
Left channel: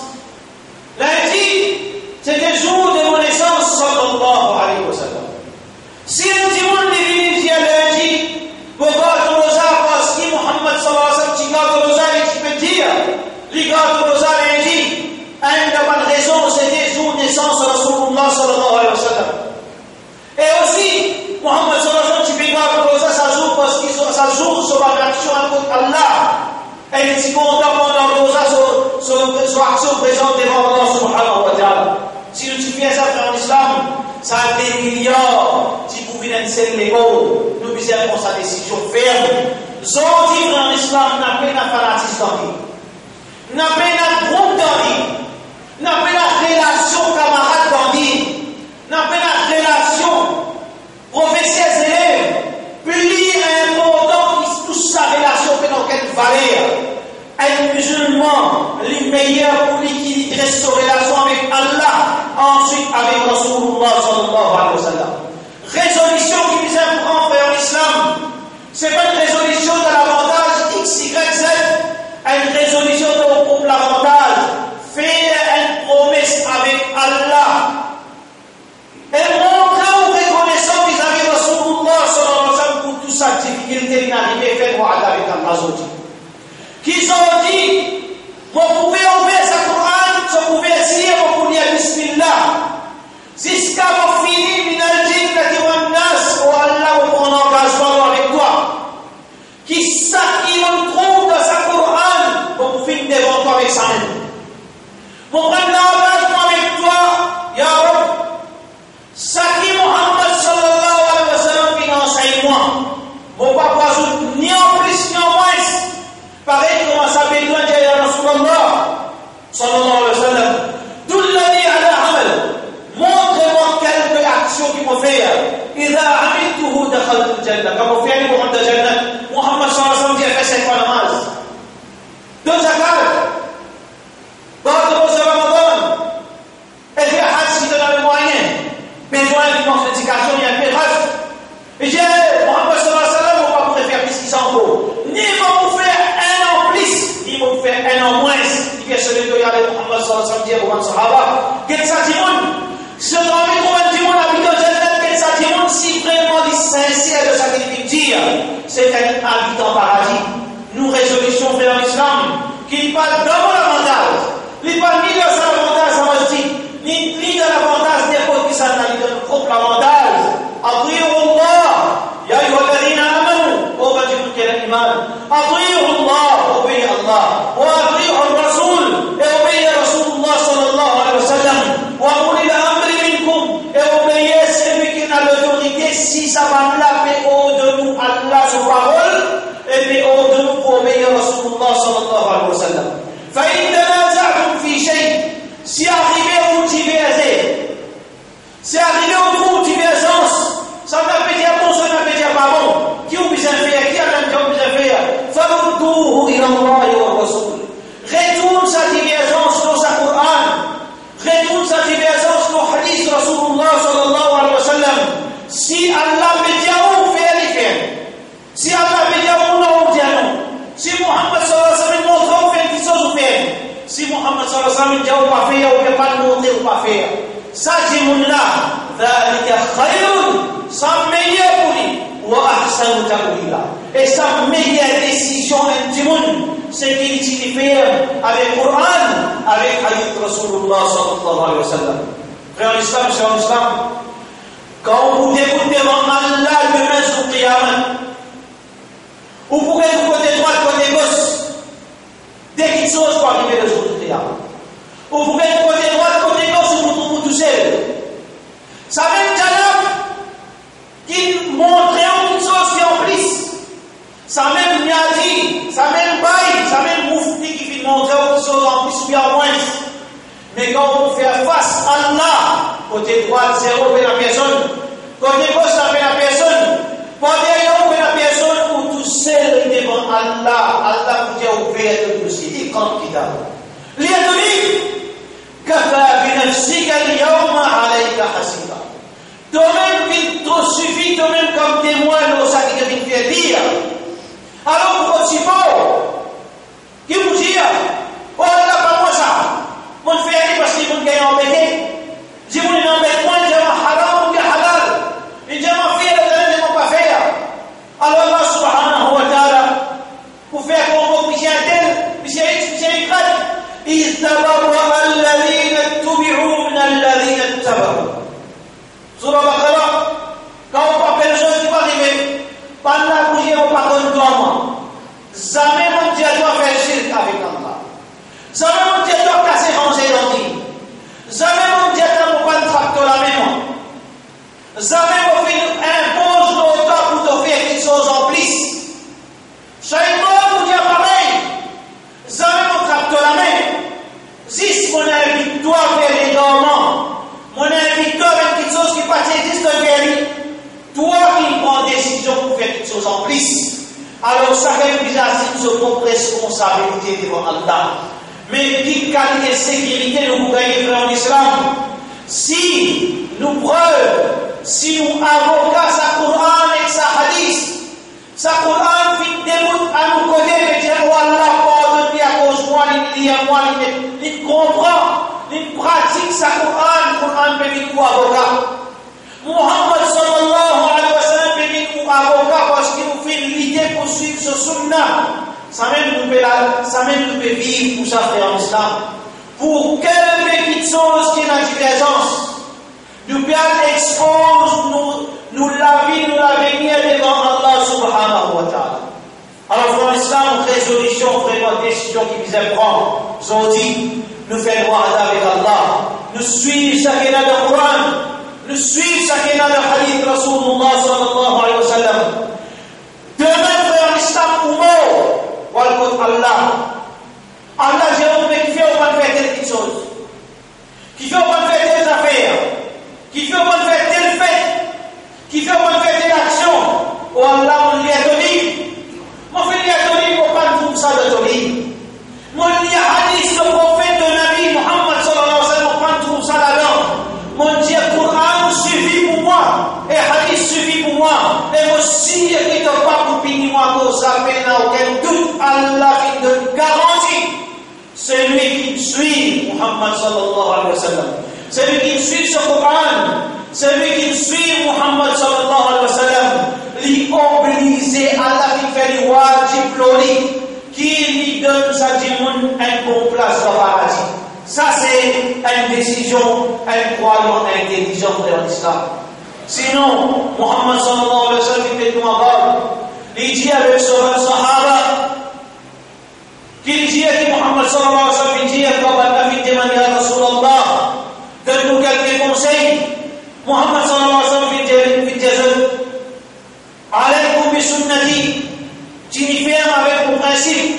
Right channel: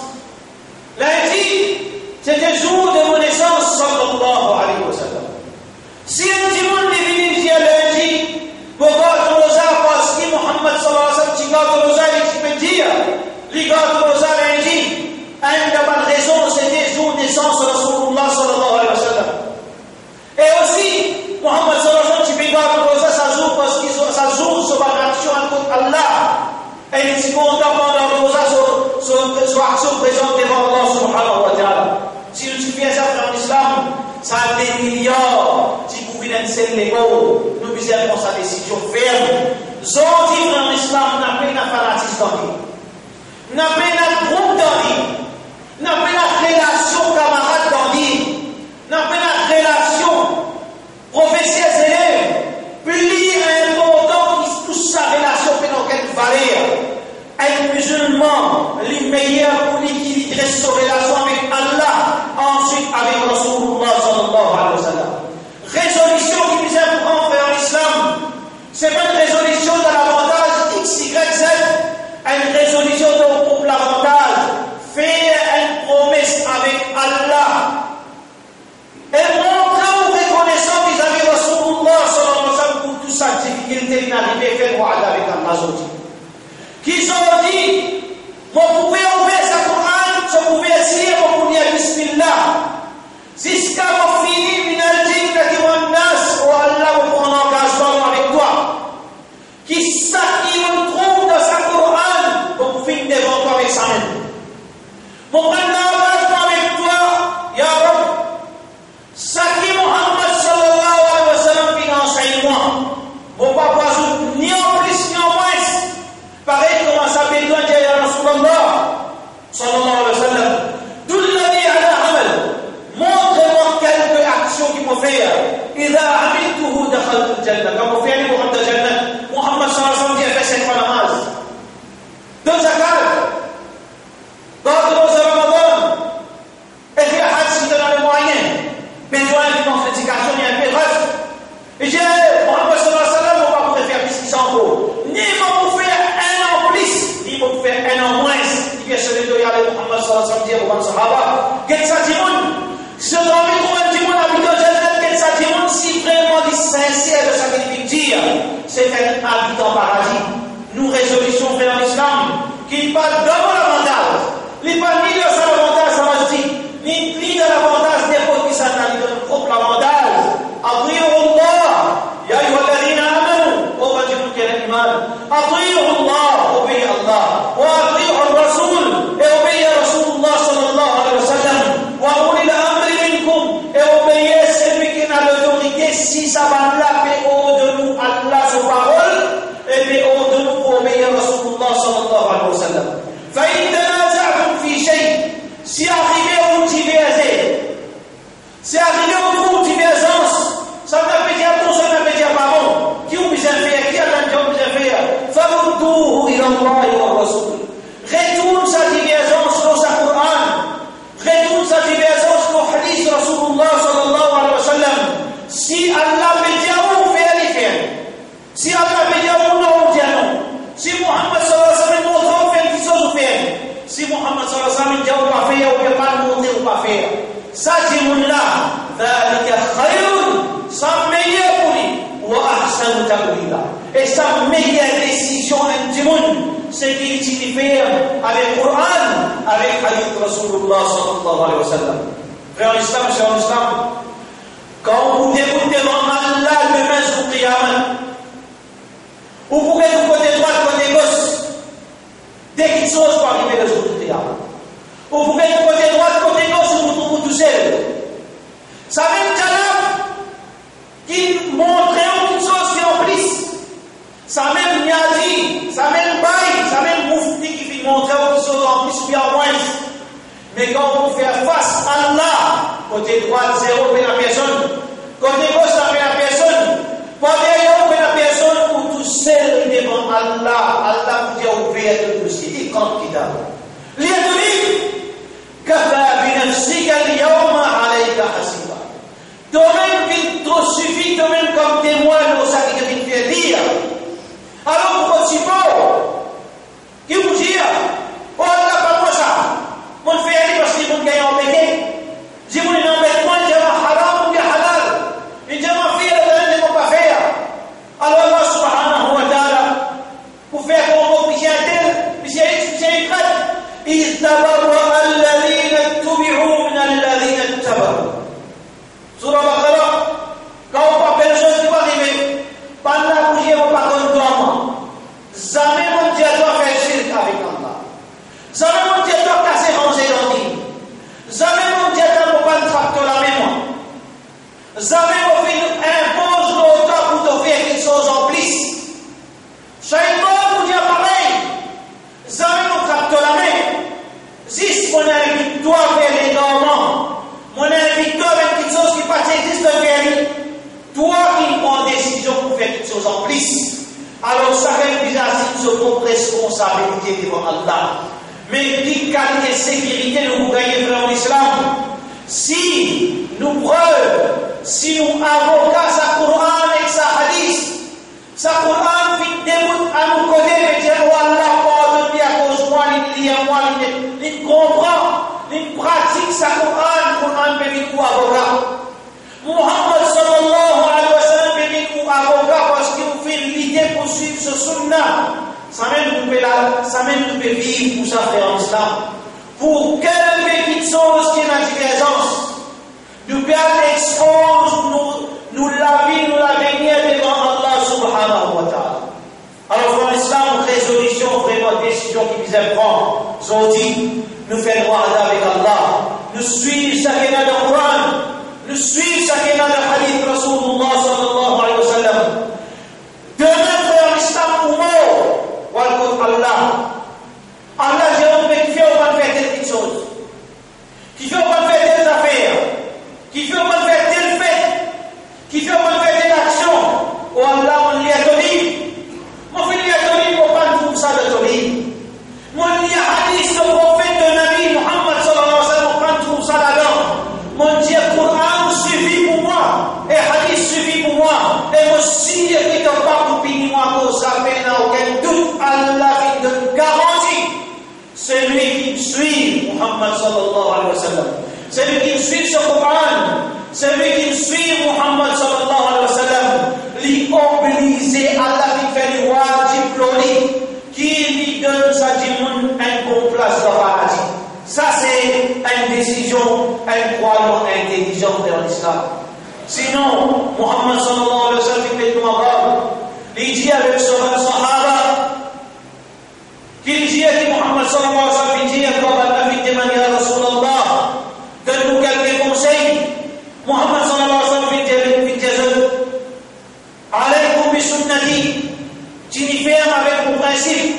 Lundi c'était jour de mon naissance sallallahu alayhi wa sallam. Si un petit monde est venu dire lundi, pour God Rosa, parce que Muhammad sallallahu alayhi wa sallam dit God Rosa, il peut dire, les God Rosa lundi, une bonne raison, c'était jour de naissance de Rasulullah sallallahu alayhi wa sallam. Et aussi, Muhammad sallallahu alayhi wa sallam, tu peux pas ça joue parce que ça joue sur la action à Allah. Et il dit qu'on doit prendre ça sur action présente devant Allah subhanahu wa ta'ala. Si nous fais ça dans l'islam, ça a des milliards qui pouvaient lancer les mots. Nous besoin prendre sa décision ferme. Aujourd'hui, dans l'islam, n'a pas de fanatisme dans lui. N'a pas de groupe dans lui. N'a pas de relation camarade dans lui. N'a pas de relation professeur-élève. Plus important que toute sa relation que dans quelle valeur. Un musulman, le meilleur pour l'équilibrer sa relation avec Allah, ensuite avec Rasulullah sallallahu alayhi wa sallam. Résolution qui nous apprend vers l'islam, c'est pas une résolution de l'avantage X, Y, Z, une résolution de l'avantage. Faire une promesse avec Allah et montrer ou reconnaissant vis-à-vis de Rasulullah sallallahu alayhi wa sallam pour toute sa difficulté d'inarriver à faire avec Allah aujourd'hui. Qu'ils ont dit, vous pouvez ouvrir sa Coran, vous pouvez essayer, vous pouvez dire Bismillah. Jusqu'à vous finir, minal jinn, katiwan nas, ou Allah vous prend engagement avec toi. Qui ça qui on trouve dans sa Coran, vous pouvez finir devant toi avec sa main. Vous prenez l'engagement avec toi, Ya Rab. Ça qui Muhammad sallallahu alayhi wa sallam vient enseigne-moi. Vous pas ajouter ni en plus ni en moins. Pareil comment ça fait toi dire ya Rasulullah sallallahu alayhi wa sallam. Dullani ala amal. Montre-moi quelques actions qu'il faut faire. إذا عملته دخلت الجنة. Comme on fait aller pour rentrer au Jannah. Muhammad sallallahu alayhi wa sallam dit fait 5 fois namaz. 2 zakat. Garde vos Ramadan. Et puis Hajj si tu as les moyens. Besoin d'une authentification, il y a un peu reste. Et j'ai Muhammad sallallahu alayhi wa sallam, on va pouvoir faire plus qu'ils en vaut. Ni pour faire un an plus, ni pour faire un an moins. Il vient celui de regarder Muhammad sallallahu alayhi wa sallam dire pour un sahaba. Qu'est-ce que ça dit mon? Ce dans les combien de monde habitant Jannah, qu'est-ce que ça dit mon? Si vraiment il sincère de sa dire, c'est un habitant paradis. Nous résolution vers l'islam qui parle d'abord l'avantage. Il parle ni de ça l'avantage, ça va dire, ni de l'avantage n'importe qui ça n'a ni de notre propre avantage. أطيعوا الله يا أيها الذين آمنوا وبجلوا الإيمان أطيعوا الله وبي الله وأطيعوا الرسول وبي رسول الله صلى الله عليه وسلم وأولي الأمر منكم وبي celui qui a l'autorité si ça va là mais au de nous Allah sa parole et mais au de nous pour obéir Rasulullah Et sa meilleure décision du monde, c'est qu'il utilise avec le Coran, avec Hadith Rasulullah sallallahu alayhi wa sallam. Frère l'Islam, c'est l'Islam. Quand vous déroulez devant Allah demain sur Qiyamah, vous pouvez être côté droit, côté gauche, dès qu'une chose va arriver le jour du Qiyamah. Vous pouvez être côté droit, côté gauche, vous vous trouvez tout seul. Ça même Jalab qui montre une chose qui est en plus. Ça même Niazi, ça même Baï, ça même Moufti qui fait montrer une chose en plus ou bien en moins. Mais quand vous faites face à Allah, côté droit, zéro, vous la personne. Côté gauche, ça fait la personne. Côté derrière, vous faites la personne, ou tout seul devant Allah. Allah vous dit ouvert le dossier. Il compte qui d'a. L'Iadouni, Kafa binafsika al-yawma alayka hasiba. Toi-même, il te suffit, toi-même, comme témoin de ça qui te fait dire. Alors, vous continuez qui vous dit, oh, Allah, pas moi ça. Mon frère, parce qu'il vous gagne embêté. Si vous n'êtes embêté, moi, j'ai un haram ou bien halal. Et j'ai ma fille, elle ne va pas faire. Alors, Allah, subhanahu wa ta'ala, pour faire comme vous, puis c'est un tel, puis c'est un grade. إذ تبرأ الذين اتبعوا من الذين اتبعوا. Surah Baqarah, quand on parle de choses qui vont arriver, pendant la bougie, on parle de toi. Jamais mon Dieu doit faire shirk avec Allah. Jamais mon Dieu doit casser ranger l'ordi. Jamais mon Dieu doit pas une trappe de la mémoire. Jamais mon Dieu impose l'auteur pour te faire quelque chose en plus. Shaitan vous dit pareil. Jamais mon trappe de la main. Si mon invite toi vers les dormants, mon invite toi avec quelque chose qui passe existe vers lui, toi qui prends décision pour faire quelque chose en plus. Alors chacun qui assume sa propre responsabilité devant Allah. Mais qui qualité de sécurité nous gagnons dans l'islam? Si nous preuves, si nous avocats sa Coran et sa hadith, sa Coran fit démoute à nous côté et dire oh Allah, pardonne-lui à cause de moi, il lit à moi, il comprend, il pratique sa Coran peut être avocat. Muhammad sallallahu alayhi wa sallam peut être avocat parce qu'il nous fait l'idée pour suivre ce sunnah. Ça même nous peut vivre pour ça faire en islam. Pour quelle petite chose qui est la divergence, nous pouvons exposer nous la vie, nous l'avenir devant Allah subhanahu wa ta'ala. Alors dans l'islam, résolution, vraiment décision qui vise à prendre. Aujourd'hui, nous faisons droit avec Allah. Nous suivons ce qu'il y a dans le Coran. Nous suivons ce qu'il y a dans le hadith Rasulullah sallallahu alayhi wa sallam. Demain, frère l'islam ou mort. Allah. Allah, j'ai honte qui fait au moins faire telle petite chose. Qui fait au moins faire telle affaire. Qui fait au moins faire telle fête. Qui fait au moins faire telle action. Oh Allah, on lui a donné. Mon frère lui a donné pour pas tout ça de donner. Mon lui a hadith le prophète de Nabi Muhammad sallallahu alayhi wa sallam, on prend tout ça là-dedans. Mon Dieu, Coran suffit pour moi. Et hadith suffit pour moi. Et moi, si je ne peux pas pour punir moi pour ça, mais n'a aucun doute, Allah qui donne garantie. C'est lui qui suit Muhammad sallallahu alayhi wa sallam. C'est lui qui suit ce Coran. C'est lui qui suit Muhammad sallallahu alayhi wa sallam. Lui obligé, Allah qui fait le wajib loli, qui lui donne sa dimoun un bon place dans la paradis. Ça, c'est une décision, un croyant intelligent dans l'islam. Sinon, Muhammad sallallahu alayhi wa sallam, il fait tout en bas. Il dit avec son sahaba, qu'il dit à Muhammad sallallahu alayhi wa sallam, il dit à Allah, il demande à Rasulallah, donne-nous quelques conseils. Muhammad sallallahu alayhi wa sallam, il dit alaykum bi sunnati, tu n'y fais avec mon principe,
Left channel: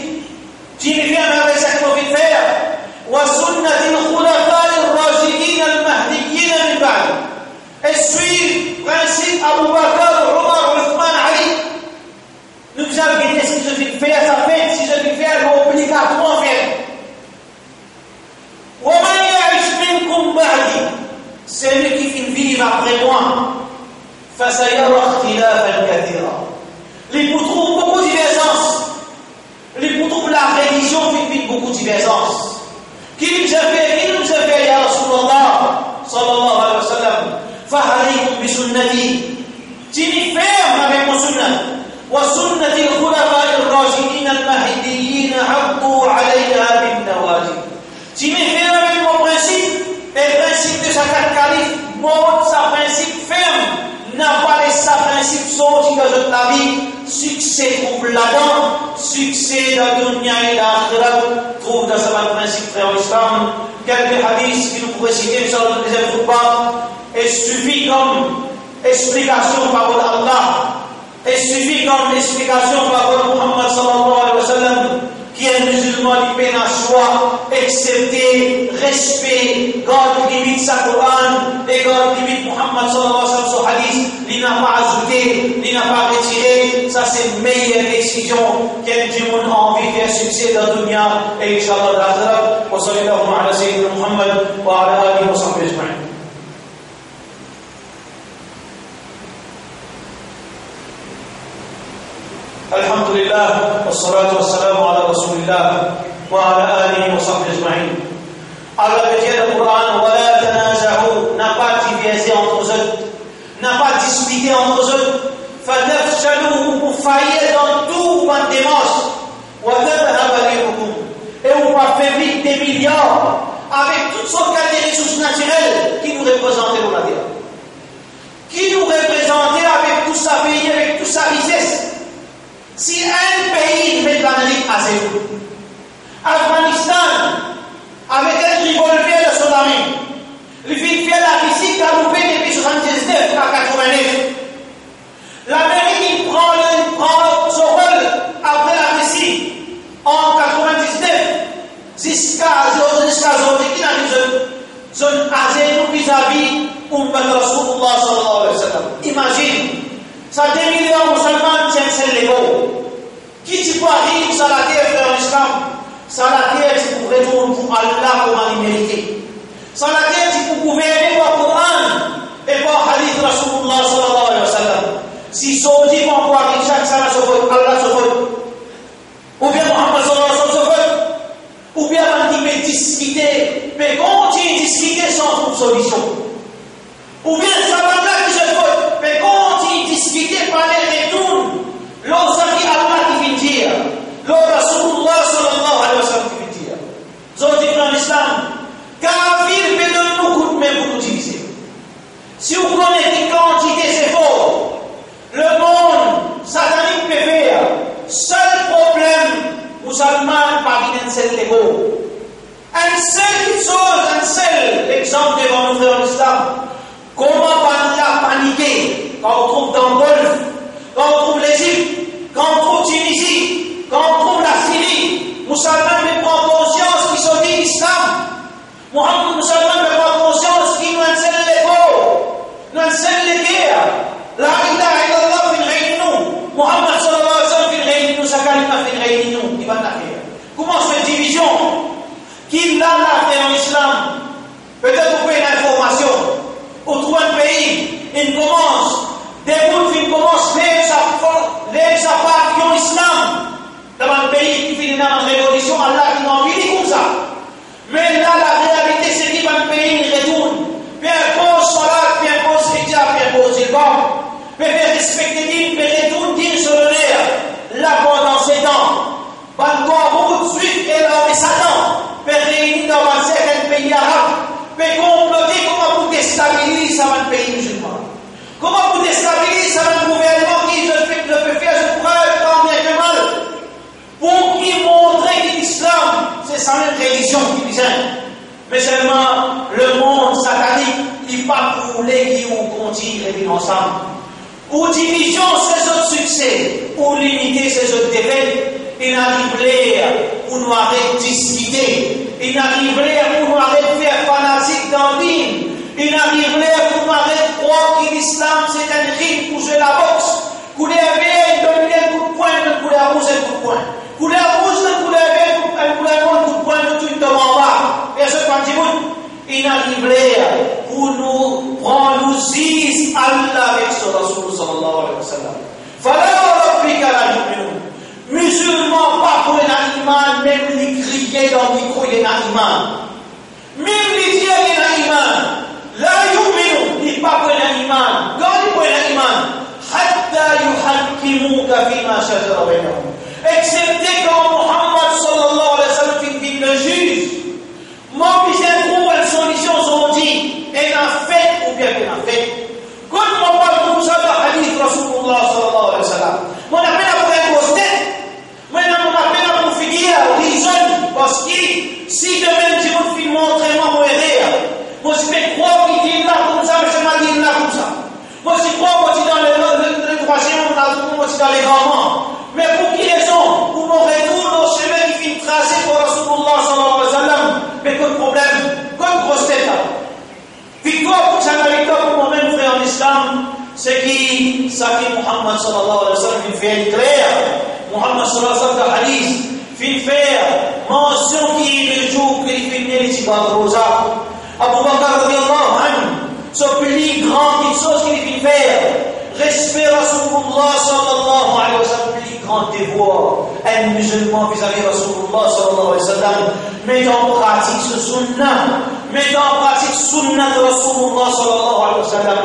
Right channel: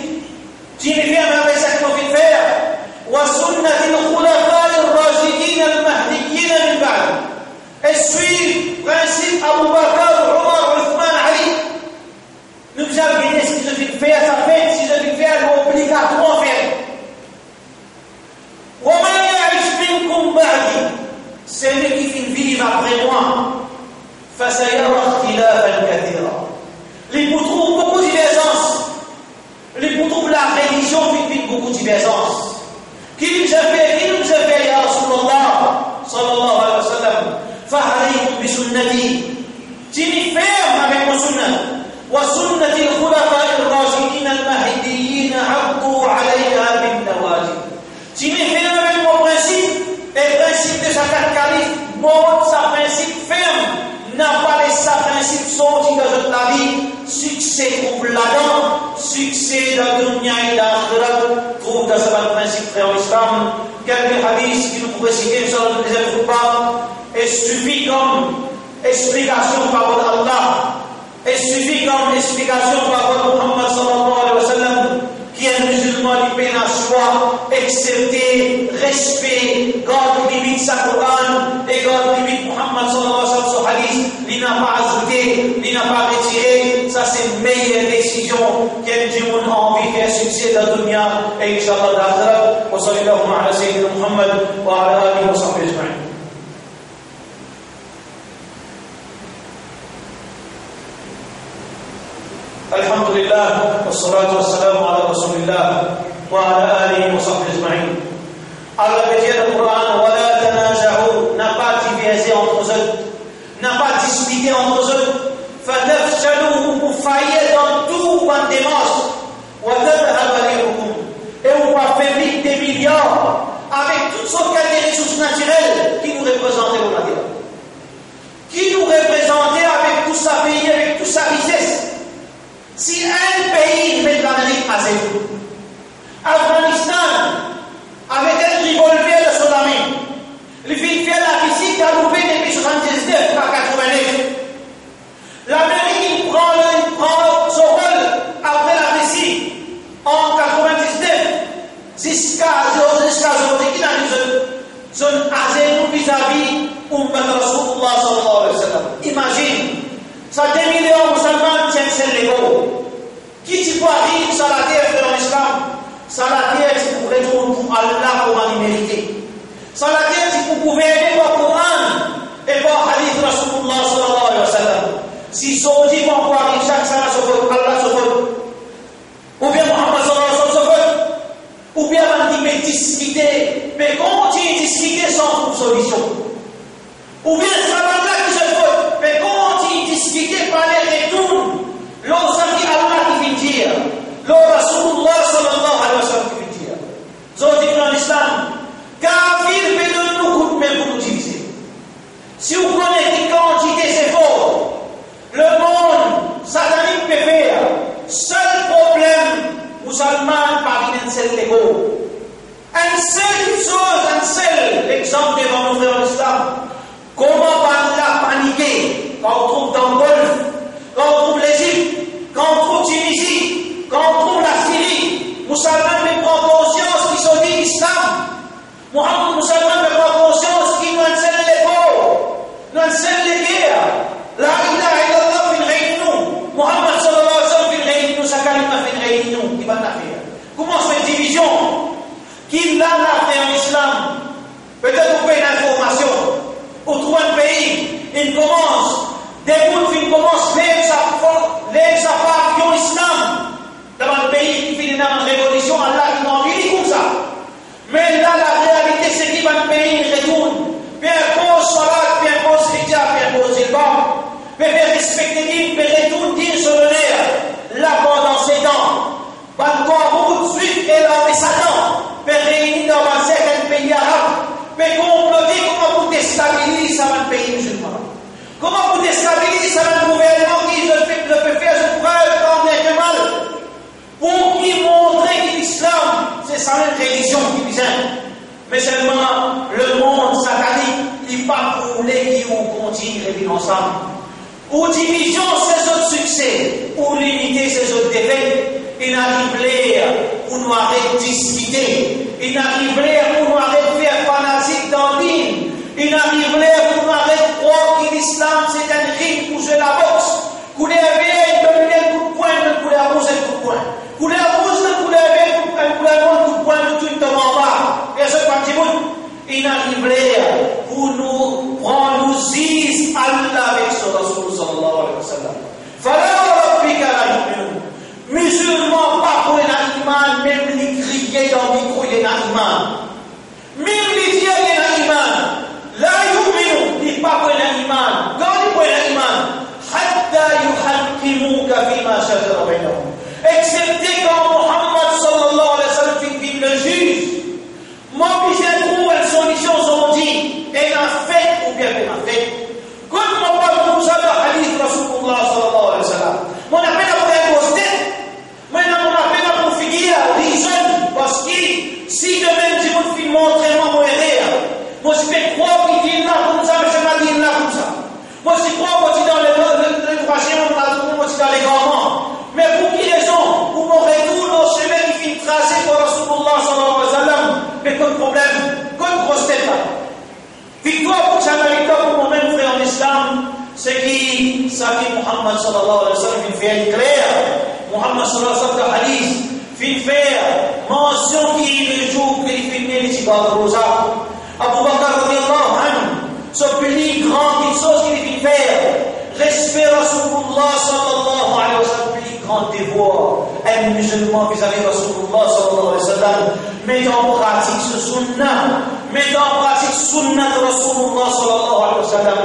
tu n'y fais avec ce qu'il faut faire. وسنة الخلفاء الراشدين المهديين من بعد. Et suivre principe Abu Bakr, Omar, Othman, Ali. Nous vous avez dit ce que je vais faire, ça fait, si je vais faire, c'est obligatoire faire. ومن يعش منكم بعدي, celui qui finit vivre après moi, فسيرى اختلافا كثيرا. Les pour trouver beaucoup de divergences. Les pour trouver la religion vit beaucoup de divergences. Qui nous a fait, ya Rasulallah, sallallahu alayhi wa sallam, فَعَلَيْكُمْ بِسُنَّتِي. Tu m'y fermes avec mon sunnah. sorti dans la vie, succès trouve là-dedans, succès dans le dunya et l'akhirat, trouve dans ce principe frère l'islam. Quelques hadiths qui nous pourraient citer sur le deuxième khutbah, et suffit comme explication par Allah, et suffit comme explication par Muhammad sallallahu alayhi wa sallam, qui est musulman qui peine à choix, accepter, respect, garde limite sa Coran, et garde limite Muhammad sallallahu alayhi wa sallam son hadith, il n'a pas ajouté, il n'a pas retiré, ça c'est une meilleure décision qu'un du monde a envie de faire succès dans le dunya, et Inch'Allah l'akhirat. Wa sallallahu ala sayyidina Muhammad wa ala alihi wa sahbihi ajma'in. الحمد لله والصلاة والسلام على رسول الله وعلى آله وصحبه أجمعين. Allah veut dire dans le Coran, ولا تنازعوا, n'a pas divisé entre eux, n'a pas disputé entre eux, فتفشلوا, vous faillez dans tout en démence, وتذهب ريحكم, et on va faire vite des milliards avec toutes sortes de ressources naturelles qui nous représentaient au Nadia, qui nous représentaient avec tout sa pays, avec toute sa richesse. Si un pays met l'Amérique à zéro, Afghanistan, avec un revolver de son ami, il fait la visite à louper depuis 79 à 89. L'Amérique prend son rôle après la Russie en 99 jusqu'à aujourd'hui, qui a une zone à zéro vis-à-vis Ummat Rasulullah sallallahu alayhi wa sallam. Imagine. Ça 2 millions de musulmans tiennent les mots. Qui tu peux arriver sur la terre frère l'islam? Sur la terre, tu peux retourner pour Allah comme il mérité. Sur la terre, tu peux gouverner par Coran et par Hadith Rasulullah sallallahu alayhi wa sallam. Si saudi vont voir avec chaque salat se vote, Allah se vote. Ou bien Muhammad sallallahu alayhi wa sallam se vote. Ou bien on dit discuter, mais continue de discuter sans trouver solution. Ou bien ça va là qui se vote, mais continue de discuter par les retours. L'on s'en dit Allah qui vient dire, l'on Rasulullah sallallahu alayhi wa sallam qui vient dire. Zon dit dans l'islam, kafir peut donner nous coup de main pour nous diviser. Si vous connaissez quantité c'est fort, le monde satanique peut faire. Seul problème, musulman par une seule égo. Un seul chose, un seul exemple devant nous frères l'islam. Comment pas la paniquer quand on trouve dans le Golfe, quand on trouve l'Égypte, quand on trouve Tunisie, quand on trouve la Syrie, musulmans ne prennent conscience qu'ils sont dit l'islam. Muhammad musulmans ne prennent conscience qu'ils nous enseignent les pauvres, nous enseignent les guerres. La ilaha illallah fin réunion. Muhammad sallallahu alayhi wa sallam fin réunion, sa kalima fin réunion, qui va faire. Comment se fait division? Qui l'a fait en islam? Peut-être vous pouvez une information. Au troisième pays, il commence, des bouts, il commence les appartiens au islam. Dans un pays qui finit dans une révolution, Allah qui n'en vit comme ça. Mais là, la réalité, c'est qu'il va un pays, il retourne. Puis impose salat, puis impose hijab, puis impose ilbam. Puis respecter Dieu, puis retourne Dieu sur le nerf. Là, pendant 7 ans, encore beaucoup de suite, et là, on est Satan. Puis réunis dans un certain pays arabe. Mais comploter, comment vous déstabiliser ça va le pays musulman? Comment vous déstabiliser ça va le gouvernement qui ne peut faire ce preuve tant bien que mal? Pour y montrer que l'islam, c'est sa même religion qui vient. Mais seulement le monde satanique, il n'est pas voulu qu'on continue à vivre ensemble. Ou division ses autres succès, ou limiter ses autres défaites. Il n'arrive où nous arrêter de discuter. Il n'arrive où nous arrêter de faire fanatique dans l'île. Il n'arrive où nous arrêter de croire que l'islam c'est un ring pour jouer la boxe. Qu'on est éveillé, donner un coup de poing, qu'on est arrosé un coup de poing. Qu'on est arrosé, qu'on est éveillé, un coup de poing, tout le temps en bas. Et ce il n'arrive où nous prendre nous zis Allah avec son Rasul sallallahu alayhi wa sallam. Fala rabbika la yu'minun. Musulmans, pas pour un iman, même les crier dans le micro, il y a un iman. Même les dire, il y a un iman. La yu'minu, il pas pour un iman. Quand il pour un iman, hatta yuhakkimuka fima shajara bainahum. Excepté quand Muhammad sallallahu alayhi wa sallam fit le juge. Moi, puis j'ai trouvé une solution, on dit, elle a fait ou bien elle a fait. Quand on parle comme ça, le hadith Rasulullah sallallahu alayhi wa sallam fait clair. Muhammad sallallahu alayhi wa sallam hadith fait faire mention qui est le jour qu'il fait venir les rosa. Abu Bakr radiallahu anhu, ce plus grand quelque chose qu'il fait faire. Respect Rasulullah sallallahu alayhi wa sallam, plus grand devoir. Un musulman vis-à-vis de Rasulullah sallallahu alayhi wa sallam, met en pratique ce sunnah, met en pratique sunnah de Rasulullah sallallahu alayhi wa sallam.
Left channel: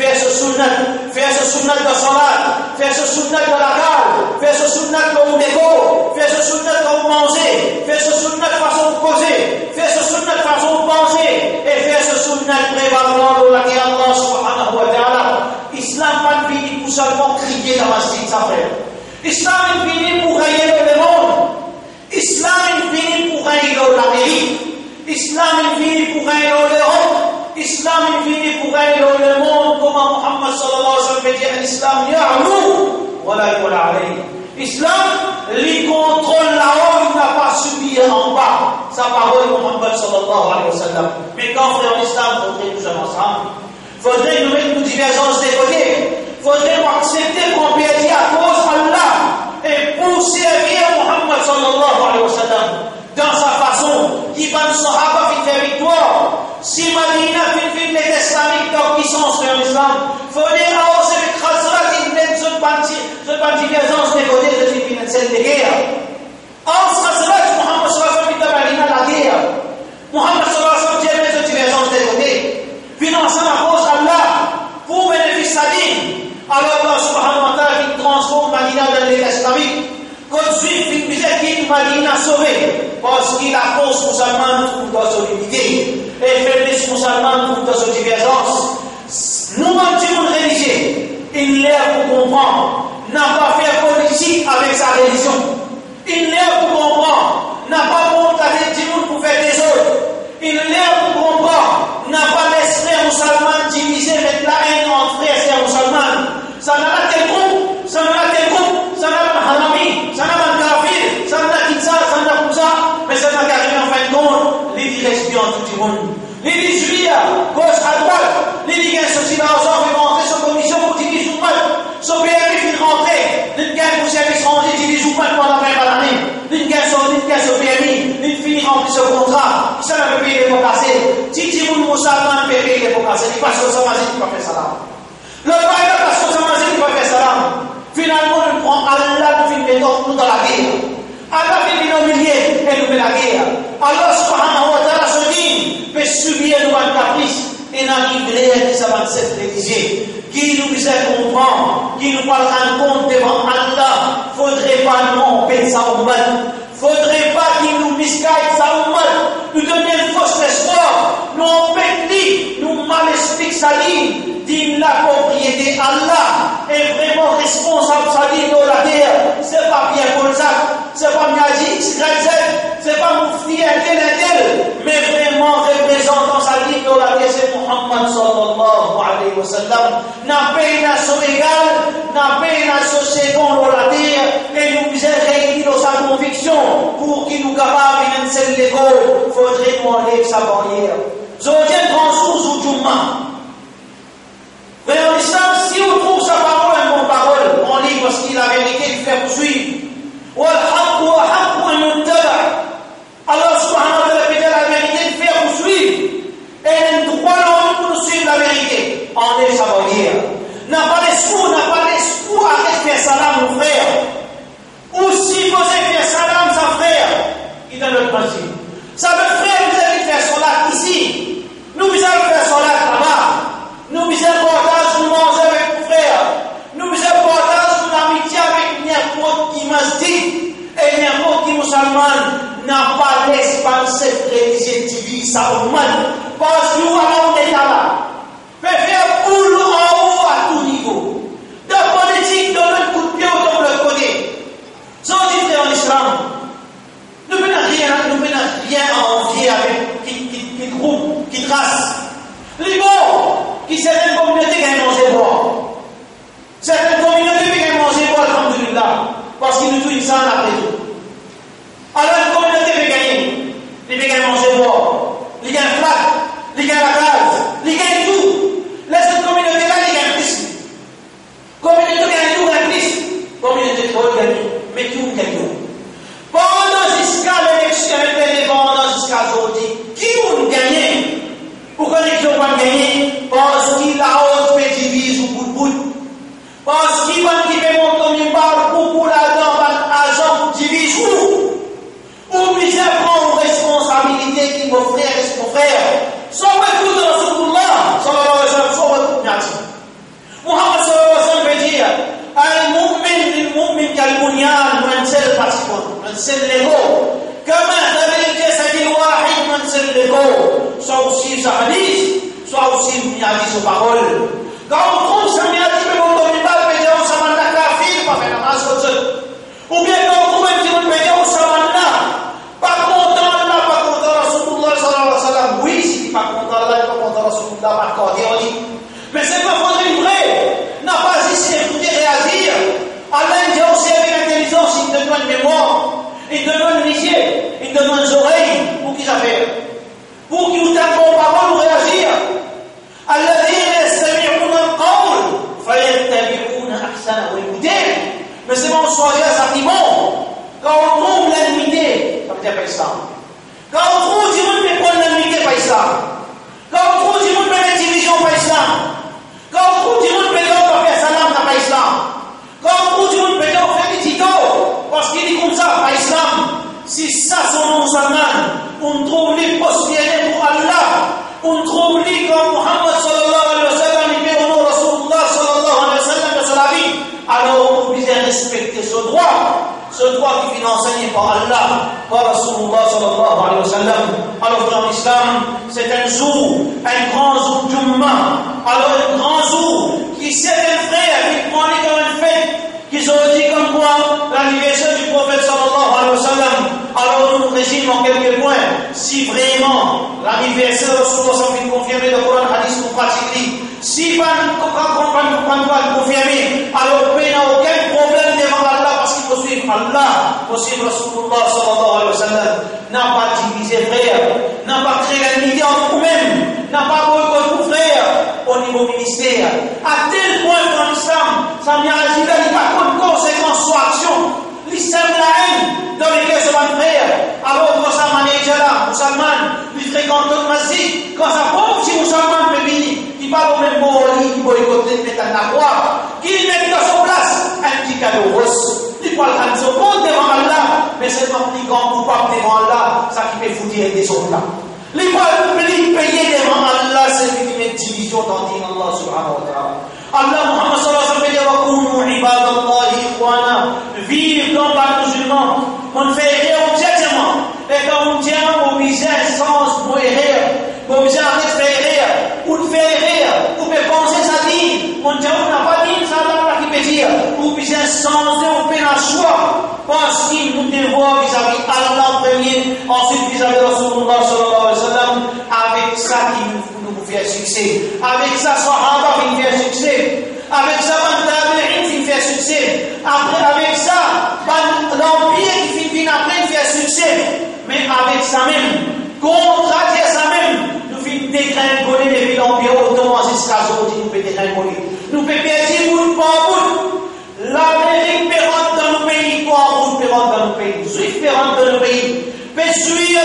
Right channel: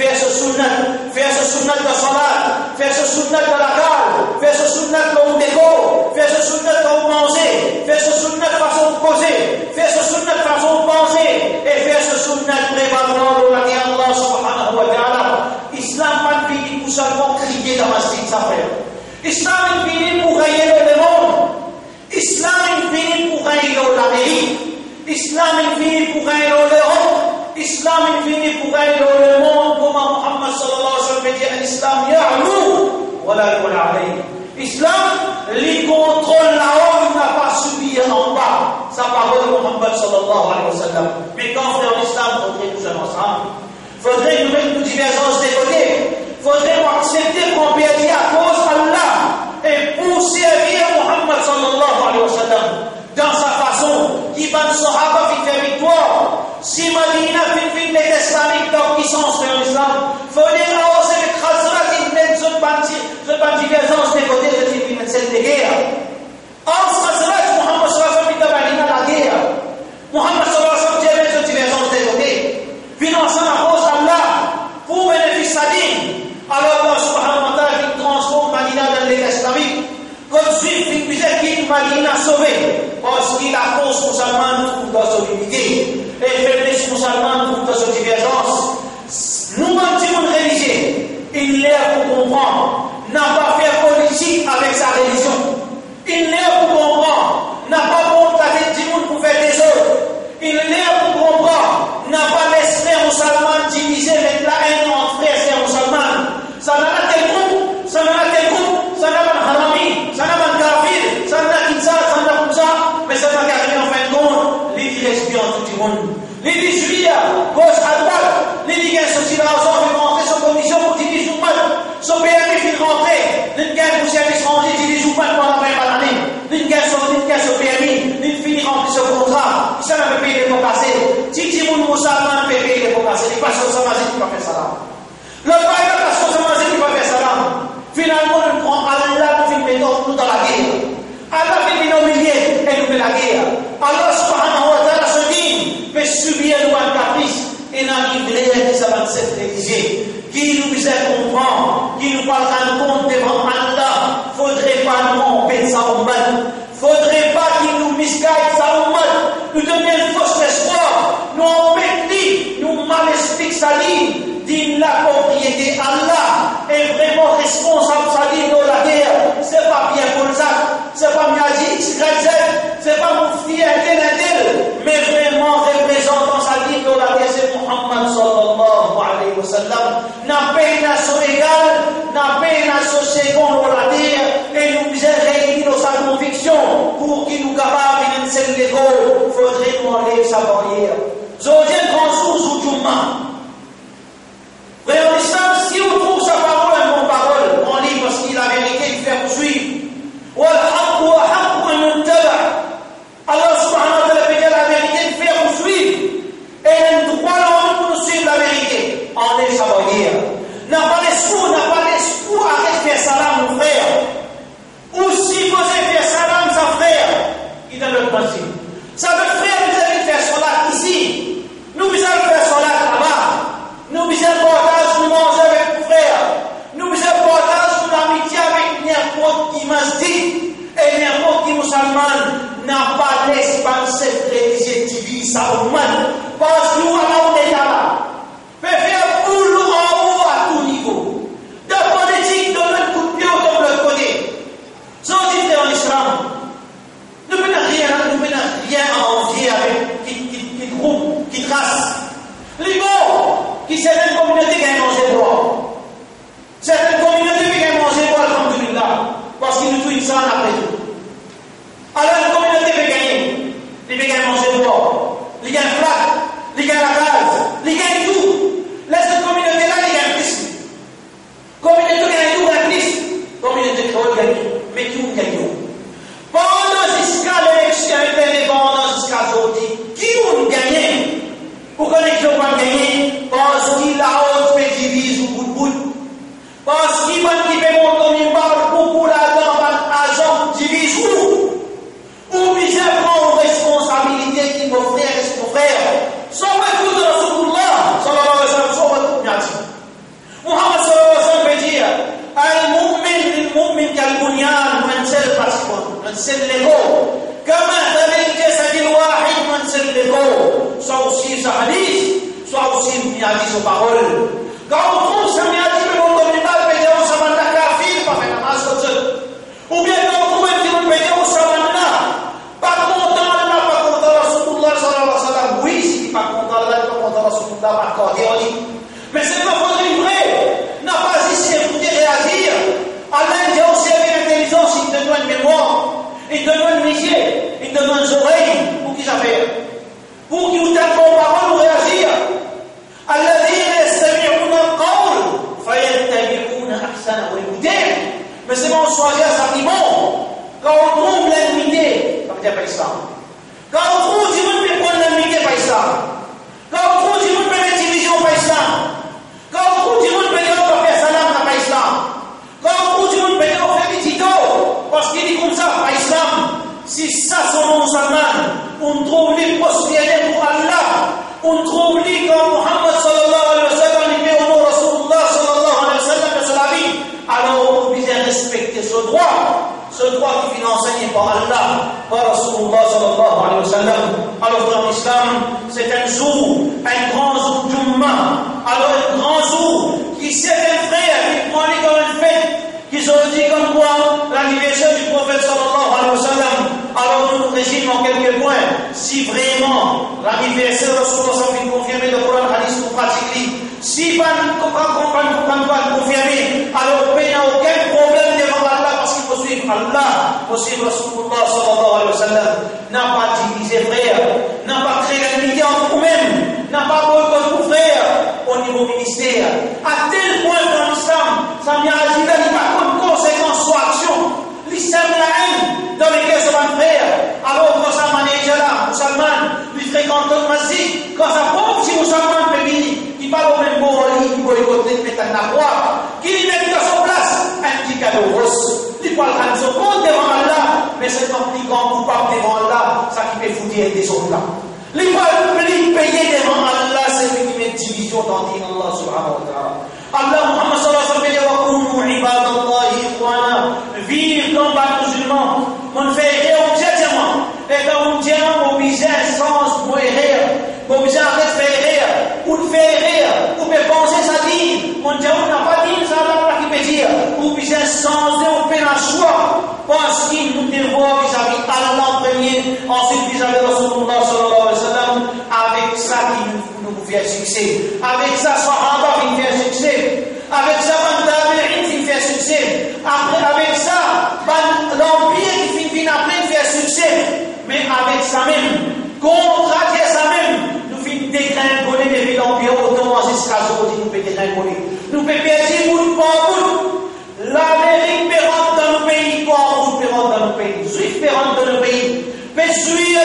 Faire ce sunnah de salat, faire ce sunnah de la cale, faire ce sunnah de l'ego, faire ce sunnah de manger, faire ce sunnah de façon de poser, faire ce sunnah de façon de penser, et faire ce sunnah de prévalent de la qui Allah subhanahu wa ta'ala. Islam pas fini pour seulement crier dans la masjid, ça frère. Islam est fini pour gagner le monde. Islam est fini pour gagner l'Amérique. Islam est fini pour gagner l'Europe. Islam est fini pour gagner le monde. Comment Muhammad sallallahu alayhi wa sallam dit l'Islam ya'lou wa la ya'la alayhi. Islam, lui contrôle là-haut, il n'a pas subi en bas. Sa parole Muhammad sallallahu alayhi wa sallam. Mais quand on est en Islam, il faudrait nous aller ensemble. Il faudrait nous mettre nos divergences des côtés. Il faudrait nous accepter qu'on perdit à cause d'Allah et pour servir Muhammad sallallahu alayhi wa sallam dans sa façon qui va nous sahaba fait faire victoire. Si Madina fait les islamiques dans puissance de l'islam, il faudrait avancer avec Khazrat qui mène cette divergence des côtés de celle de guerre. Entre Khazrat, Muhammad sallallahu alayhi wa sallam la guerre. Muhammad sallallahu alayhi wa sallam dit cette divergence des côtés. Finançant la cause d'Allah pour bénéfice à din. Alors Allah subhanahu wa ta'ala qui transforme Madina dans l'État islamique. Comme juif, il disait qu'il Madina sauvé. Parce qu'il a force musulmane trouve dans son unité. Et faiblesse musulmane trouve dans son divergence. Nous mentions religieux. Il est pour comprendre. N'a pas fait politique avec sa religion. Il est pour comprendre. N'a pas monté du monde pour faire des autres. Il est pour comprendre. N'a pas laissé les musulmans diviser avec la haine entre frères et musulmans. Ça n'a pas tel groupe, ça n'a pas tel groupe, ça n'a pas harami, ça n'a pas kafir, ça n'a pas kinsa, ça n'a pas comme ça, mais ça n'a qu'à en fin de compte, les dix lesbiens tout le monde. Les dix juifs, gauche à droite, les dix gars sont là ensemble, ils vont rentrer sur commission pour diviser ou mal. Son PMI fait rentrer, les gars pour service étranger divisent ou mal pendant 20 années. Les gars sur PMI, les finir remplir ce contrat, ça n'a pas payé les pots cassés. Titi moun musulman peut payer les pots cassés, les pasteurs samazis qui va faire ça là. Le païen pasteur samazis qui va faire ça là. Finalement, on prend Allah pour finir nous dans la guerre. Allah fait nous humilier et nous fait la guerre. Allah subhanahu wa ta'ala se dit, mais subir nous un caprice et n'arrive rien qui s'avance cette religion. Qui nous faisait comprendre, qui nous parle en compte devant Allah, faudrait pas nous empêcher ça au mal. Faudrait pas qu'il nous misguide ça au mal. Nous donner une fausse espoir, nous empêcher, nous mal expliquer sa ligne. Dit la propriété Allah est vraiment responsable sa ligne dans la guerre. C'est pas bien Bolzac, c'est pas Miaji XYZ, c'est pas Moufti Intel, mais vraiment représentant sa ligne dans la guerre, c'est Muhammad sallallahu alayhi wa sallam. N'a pas une nation égale, n'a pas une nation seconde dans la terre, et nous faisons réunir dans sa conviction pour qu'il nous capable de nous l'école. Faudrait nous enlever sa barrière. Aujourd'hui, transfert ou Jumma. Frère l'islam, si on trouve sa parole une bonne parole, on lit parce qu'il a la vérité de faire poursuivre. Allah subhanahu wa ta'ala fait la vérité de faire poursuivre. Et nous croyons pour nous suivre la vérité. On est sa barrière. N'a pas l'espoir, arrête de faire salam mon frère. Ou si vous avez fait salam sa frère, il a le principe. Ça veut frère, vous allez faire salat ici. Nous allons faire salat là-bas. Nous faisons partage, nous mangeons avec nos frères. Nous faisons partage, nous amitié avec n'importe qui masjid et n'importe qui musulman n'a pas l'espace cette religion divise ça au mal. Parce que nous allons être là. Fait faire boulot en haut à tout niveau. De politique, de l'autre coup de pied ou de l'autre côté. Sans dire en islam, nous ne pouvons rien envier avec qui groupe, qui trace. Les bons, qui certaines communautés qui ont mangé bois. Certaines communautés qui ont mangé bois, alhamdulillah, parce qu'ils nous tuent ça après tout. Alors une communauté peut gagner. Les gens qui ont mangé bois, les gens qui flac, les gens la case, les gens tout. Laisse cette communauté-là, les gens qui communauté qui ont tout, mais qui ont gagné. Pendant jusqu'à l'élection indépendante, jusqu'à aujourd'hui, qui ont gagné? Pourquoi les gens ont gagné? Parce qu'il a haute fait divise au bout de bout. Parce qu'il va qui fait mon comme parle pour la dame, agent divise ou bien prend une responsabilité qui mon frère et mon frère. Sans retour de Rasulullah, sallallahu alayhi wa sallam, sans retour de Muhammad sallallahu alayhi wa sallam veut dire المؤمن كالبنيان منزل باسكون منزل لغو كما تبين جسد واحد منزل لغو soit aussi sa hadith soit aussi une hadith aux paroles quand on trouve sa hadith mais on ne peut pas péter au saman la kafir pas faire namaz comme ça ou bien quand on trouve un petit peu péter au saman là pas content Allah pas content Rasulullah sallallahu alayhi wa sallam oui si pas content Allah pas content Rasulullah par contre mais c'est pas faudrait vrai n'a pas ici écouter réagir. Allah dit aussi avec l'intelligence, il te donne mémoire, il te donne les yeux, il te donne les oreilles, pour qu'ils appellent. Pour qu'ils vous tapent en parole ou réagir. الذين يستمعون القول فيتبعون أحسنه والهدى. Mais c'est bon, soyez assertivement. Quand on trouve l'animité, ça veut dire pas islam. Quand on trouve du monde peut prendre l'animité, pas islam. Quand on trouve du monde peut mettre division, pas islam. Quand on trouve du monde peut dire on va faire salam, pas islam. Quand on dit qu'on peut faire des titos, parce qu'il dit comme ça, par islam, si ça sont non musulmans, on trouve les postillés pour Allah, on trouve les comme Muhammad sallallahu alayhi wa sallam, les péronos Rasulullah sallallahu alayhi wa sallam de sa vie, alors on est obligé de respecter ce droit qui est enseigné par Allah, par Rasulullah sallallahu alayhi wa sallam. Alors dans l'islam, c'est un jour, un grand jour d'Ummah, alors un grand jour qui c'est un frère qui prend les comme une fête, qui ont dit comme quoi l'anniversaire du prophète sallallahu alayhi wa sallam. Alors nous résumons en quelques points. Si vraiment l'anniversaire de Rasulullah est confirmé, le Coran hadith nous pratique. Si pas confirmé, alors il n'y a aucun problème devant Allah parce qu'il faut suivre Allah, faut suivre Rasulullah sallallahu alayhi wa sallam. N'a pas divisé frère, n'a pas créé l'unité entre nous-mêmes, n'a pas boycotté nos frères au niveau ministère. À tel point dans l'islam, ça m'y a dit là, il n'y a pas de conséquence sur action. L'islam la haine dans les cœurs de mon frère. Alors quand ça m'a dit là, musulman, lui fréquente le masjid, quand ça pauvre si musulman peut venir, qui parle au même mot, qui boycotte, qui met un arroir, qui met dans son place un petit cadeau rose. Il parle à son compte devant Allah, mais c'est un petit grand coupable devant Allah, ça qui fait foutre des autres là. Les payer devant Allah, c'est lui qui met division dans le Allah subhanahu wa ta'ala. Allah Muhammad sallallahu alayhi wa sallam dit vive comme pas musulman, on fait rien objectivement. Et quand on tient, on vise sans mourir, on vise à faire ou faire rire, ou peut penser sa vie. On dit on n'a pas dit ça, Allah qui peut dire, ou vise sans on fait un choix, parce qu'il nous dévoie vis-à-vis Allah en premier, ensuite vis-à-vis Rasulullah sallallahu alayhi wa sallam, avec ça qui nous fait succès, avec ça Sahaba qui nous fait succès, avec ça Tabi'in qui nous fait succès, après avec ça l'empire qui finit après fait succès, mais avec ça même, contre ça même, nous finissons dégringoler depuis l'empire ottoman jusqu'à aujourd'hui, nous pouvons dégringoler. Nous pouvons perdre bout par bout. L'Amérique peut rentrer dans nos pays, toi en route peut rentrer dans nos pays, les Juifs peut rentrer dans nos pays, peut suivre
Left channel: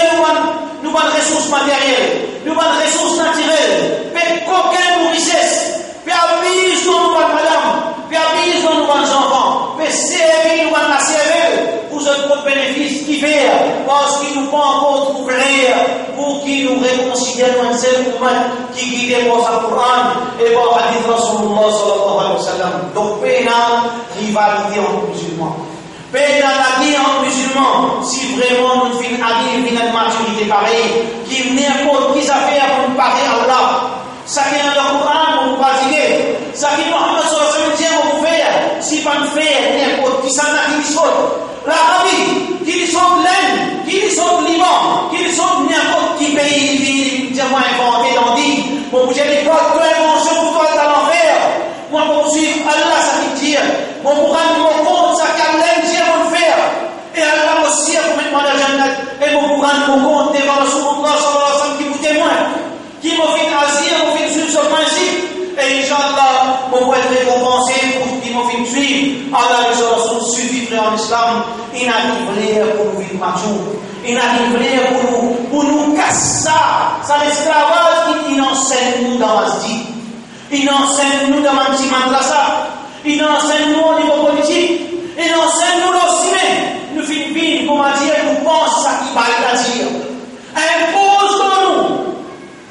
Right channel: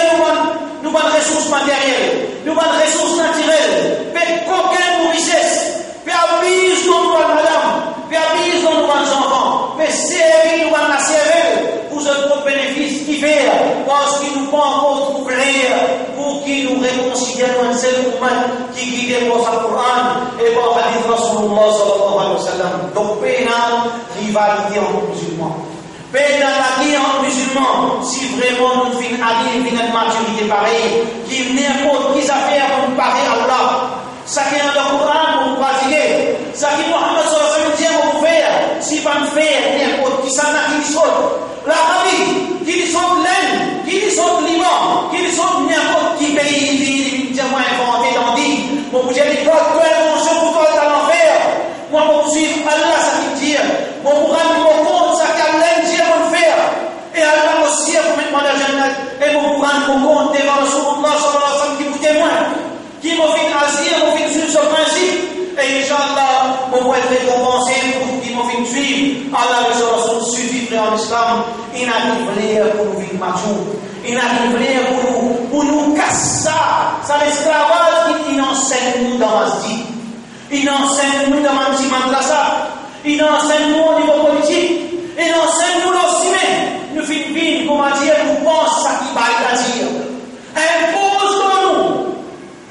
nous avons des ressources matérielles, nous avons des ressources naturelles, peut coquin nos richesses, peut habiller nos madame, peut habiller nos enfants, peut servir nous la servir pour notre bénéfice qui fait, parce qu'il nous prend encore trop clair, pour qu'il nous réconcilie dans un seul moment qui guide par sa Coran et par la hadith Rasulullah sallallahu alayhi wa sallam. Donc, pénal, rivalité entre musulmans. Pénal la guerre entre musulmans, si vraiment nous finissons à vivre une maturité pareille, qui n'importe qui affaire pour nous parler à Allah. Ça qui est dans le Coran pour nous pratiquer, ça qui Muhammad sallallahu alayhi wa sallam pour faire, si pas nous faire n'importe qui s'en a qui saute. L'Arabie, qui sont l'Inde, qui sont Liban, qui sont n'importe qui pays, qui ont inventé dans dit, pour bouger les codes, toi invention pour toi dans l'enfer. Moi, pour suivre Allah, ça veut dire, pour rendre mon compte, ça qu'Allah dit à mon faire. Et Allah aussi, pour mettre moi la Jannat, et pour rendre mon compte devant Rasulullah sallallahu alayhi wa sallam qui vous témoigne, qui m'a fait agir, m'a fait suivre ce principe. Et Inch'Allah, pour être récompensé, pour qui m'a fait suivre, Allah Allah et son Rasoul suffit, frère en islam. Il n'a rien pour nous vivre mature. Il n'a rien pour nous casser ça. Ça l'esclavage qui enseigne nous dans Masjid. Il enseigne nous dans Manti Madrasa. Il enseigne nous au niveau politique. Il enseigne nous aussi même. Nous Philippines, comment dire, nous pensons ça qui va dire. Impose-nous.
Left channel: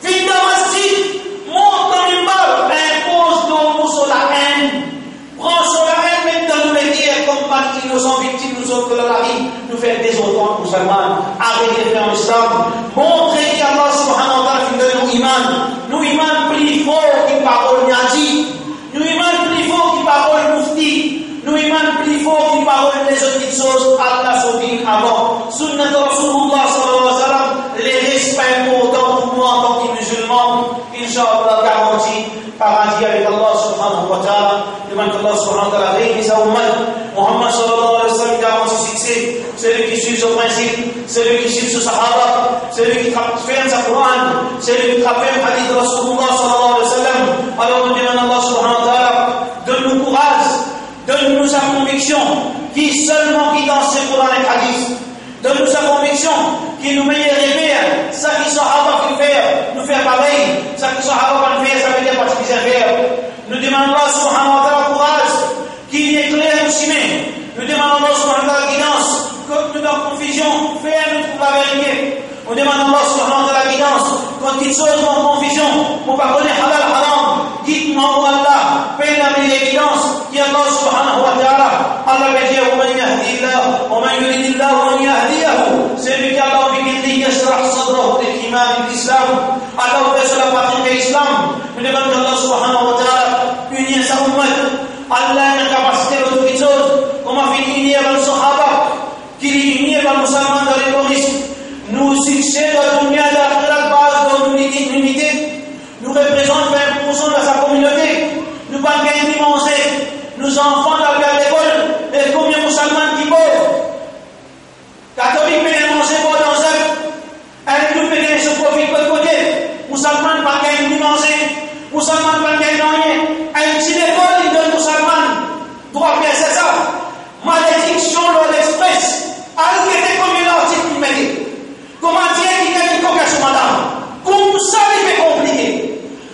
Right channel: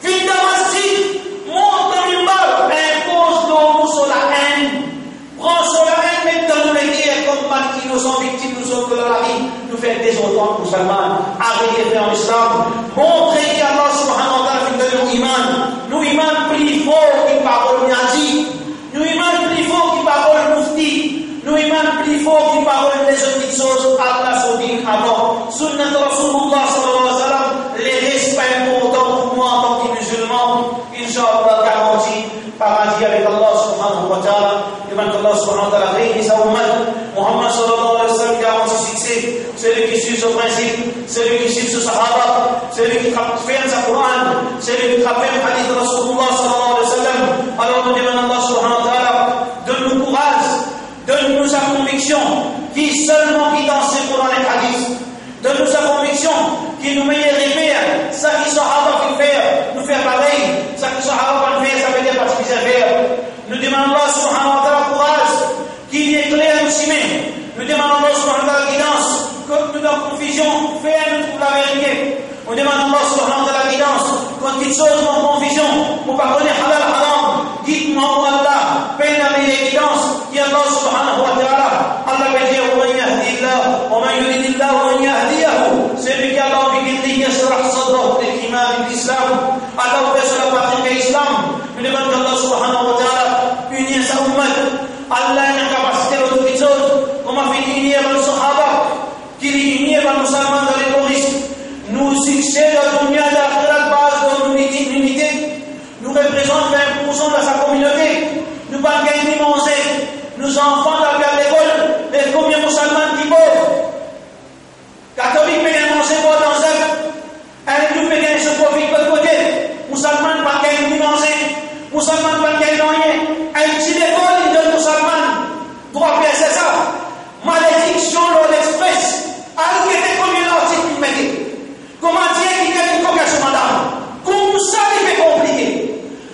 Viens dans Masjid. Monte dans une balle. Impose-nous sur la haine. Prends sur la haine, mettons-nous les guerres comme pas innocents victimes, nous autres de la vie. Nous faire des autres musulmans. Arrêtez frère en islam. Montrez qu'Allah subhanahu wa ta'ala fait de nous iman. Nous iman plus fort que parole Niaji. Nous iman plus fort que parole Mufti. Nous iman plus fort que parole des autres choses. Allah s'en dit avant. Sunnat Rasulullah sallallahu alayhi wa sallam. Les respects importants pour nous en tant que musulmans. Inch'Allah garanti. Paradis avec Allah subhanahu wa ta'ala. Demande qu'Allah subhanahu wa ta'ala réunit sa ummat. Muhammad sallallahu alayhi wa sallam garantit succès. Celui qui suit ce principe, celui qui suit ce sahaba, celui qui fait sa Coran, celui qui fait le hadith de Rasulullah sallallahu alayhi wa sallam. Alors nous demandons Allah subhanahu wa ta'ala, donne-nous courage, donne-nous sa conviction, qui seulement qui dans ce Coran et hadith. Donne-nous sa conviction, qui nous met rêver, ça qui sahaba qui fait, nous faire pareil, ça qui sahaba qui fait, ça veut dire pas ce qu'ils faire. Nous demandons Allah subhanahu wa ta'ala courage, qui éclaire aussi même. Nous demandons Allah subhanahu wa ta'ala guidance. Quand nous dans confusion, fais-nous trouver la vérité. On demande à Allah subhanahu wa ta'ala guidance. Quand il chose en confusion, pour pas connaître halal haram, dites-moi oh Allah, paie-la l'évidence, qui Allah subhanahu wa ta'ala. Allah va dire, وَمَنْ يَهْدِي اللَّهُ وَمَنْ يُرِدِ اللَّهُ وَمَنْ يَهْدِيَهُ. Celui qui Allah veut يشرح صدره للإيمان بالإسلام. Allah ouvre sur la partie de l'islam. Nous demandons à Allah subhanahu wa ta'ala, unir sa ummat. Allah a une capacité d'autre chose. Comme a fait unir le sahaba. Qui unit les musulmans dans les terroristes. Nous succès de la dunya de la base de l'unité. Nous représentons 20% de sa communauté. Nous pas gagner manger. Nos enfants d'aller à l'école. Et combien de musulmans qui pauvres. Catholiques payent manger pour dans un. Et nous payons ce profit de côté. Musulmans pas gagner manger. Musulmans pas gagner rien. Et si l'école il donne musulmans. Droit bien c'est ça. Malédiction dans l'express. Alors qu'il était combien d'articles il mettait. Comment dire qu'il y a une convocation madame. Comme ça il fait compliqué.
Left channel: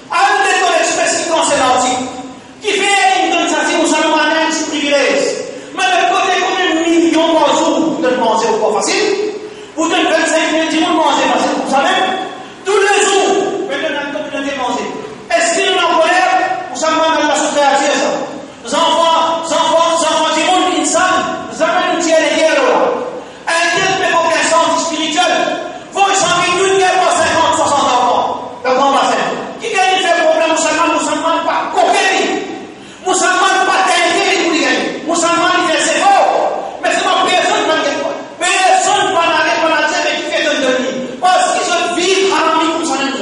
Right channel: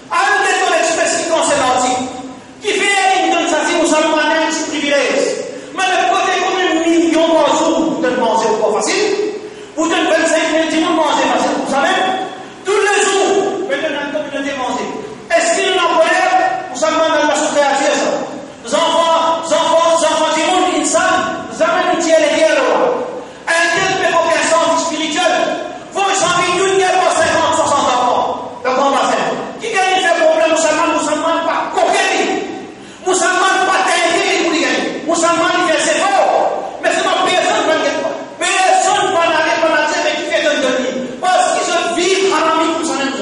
Alors qu'il dans l'express qui concerne l'article. Qui fait une tentative musulmane un petit privilège. Mais le côté comme 1 million par jour pour te manger au pas facile. Pour te 25 000 du monde manger facile pour ça même. Tous les jours, maintenant la communauté manger. Est-ce qu'il y a une colère musulmane dans la société ça? Les enfants du monde insan, jamais nous tirent les guerres là. Un tel fait aucun sens spirituel. Faut changer une guerre pour 50, 60 enfants. Le grand bassin. Qui gagne fait problème musulman pas coquet. Musulman pas t'aider pour les gagner. Musulman il fait c'est fort. Mais c'est pas personne qui n'arrête pas. Personne ne va n'arrêter pas là mais qui fait de lui. Parce qu'ils se vivent harami comme ça même.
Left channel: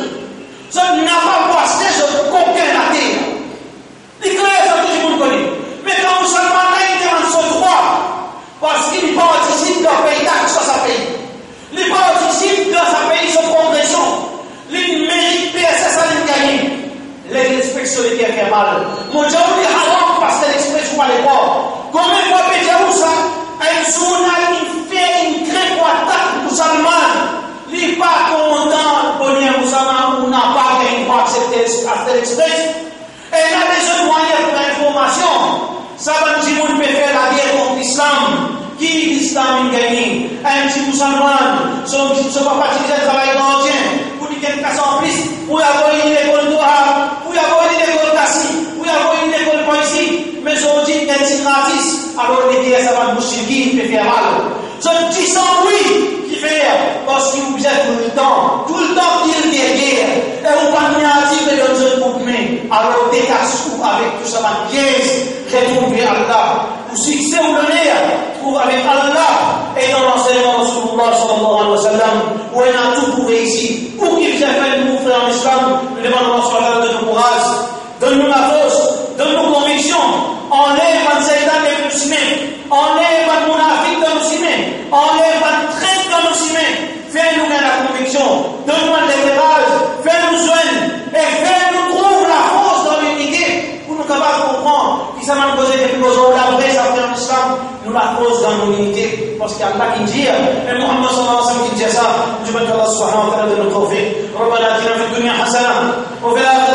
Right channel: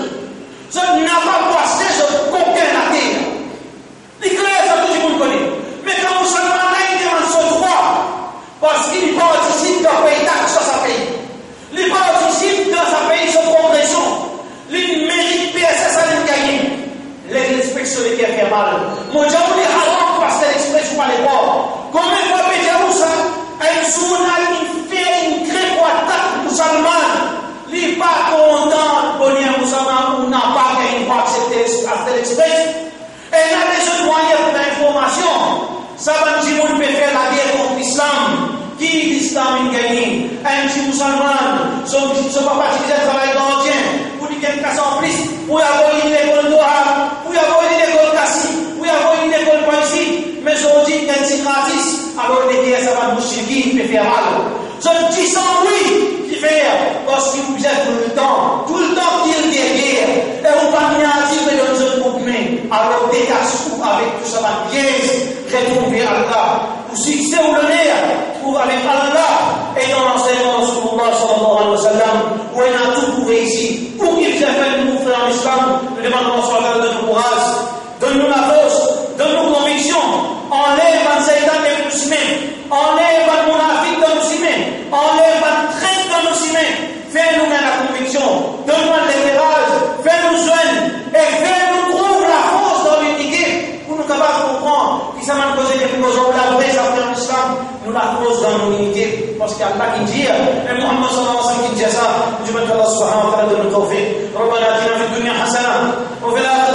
Ça n'a pas passé sur coquin la terre. Les clairs ça tout le monde connaît. Mais quand musulman là il demande son droit. Parce qu'il participe d'un pays taxe à sa pays. Il participe dans sa pays son congrégation. Il mérite PSS à gagner. L'inspection qui a fait mal. Mon Dieu, il est haram parce que l'expression n'est pas. Combien de fois Pédiaou ça? Un journal qui fait une crée pour attaque musulmane. Il n'est pas content pour dire musulman ou n'a pas gagné pour accepter l'express. Et il a des autres moyens pour l'information. Ça va nous dire qu'on peut faire la guerre contre l'islam. Qui l'islam est gagné? Un petit musulman, son papa qui faisait le travail gardien, pour lui quelque chose en plus, pour y avoir une école noire, pour y avoir une école cassie, pour y avoir une école poésie, mais aujourd'hui, il y a un gratis, alors les guerres, ça va nous suivre, il peut faire mal. Ce petit sang, oui, qui fait, parce qu'il vous êtes tout le temps qu'il y a guerre, et vous parlez à dire de notre groupe, alors décasse-vous avec tout ça, ma pièce, retrouver Allah. Pour succès ou l'honneur, trouve avec Allah et dans l'enseignement de Rasulullah sallallahu alayhi wa sallam, où il a tout pour réussir. Pour qu'il vous appelle nous, frères en islam, nous demandons à Allah de nous courage, donne-nous la force, donne-nous conviction, enlève un Satan de musulmans, enlève un monafique de musulmans, enlève un traître de musulmans, fais-nous la conviction, donne-nous l'éclairage, fais-nous joindre et fais-nous trouver la force dans l'unité pour nous capables de comprendre qui ça m'a posé des plus besoins, la vraie, ça fait dans l'unité, parce qu'il y a Allah qui dit, et Muhammad sallallahu alayhi wa sallam qui dit ça, je veux que Allah subhanahu wa ta'ala donne le tawfiq. ربنا اتنا في الدنيا حسنه وفي الاخره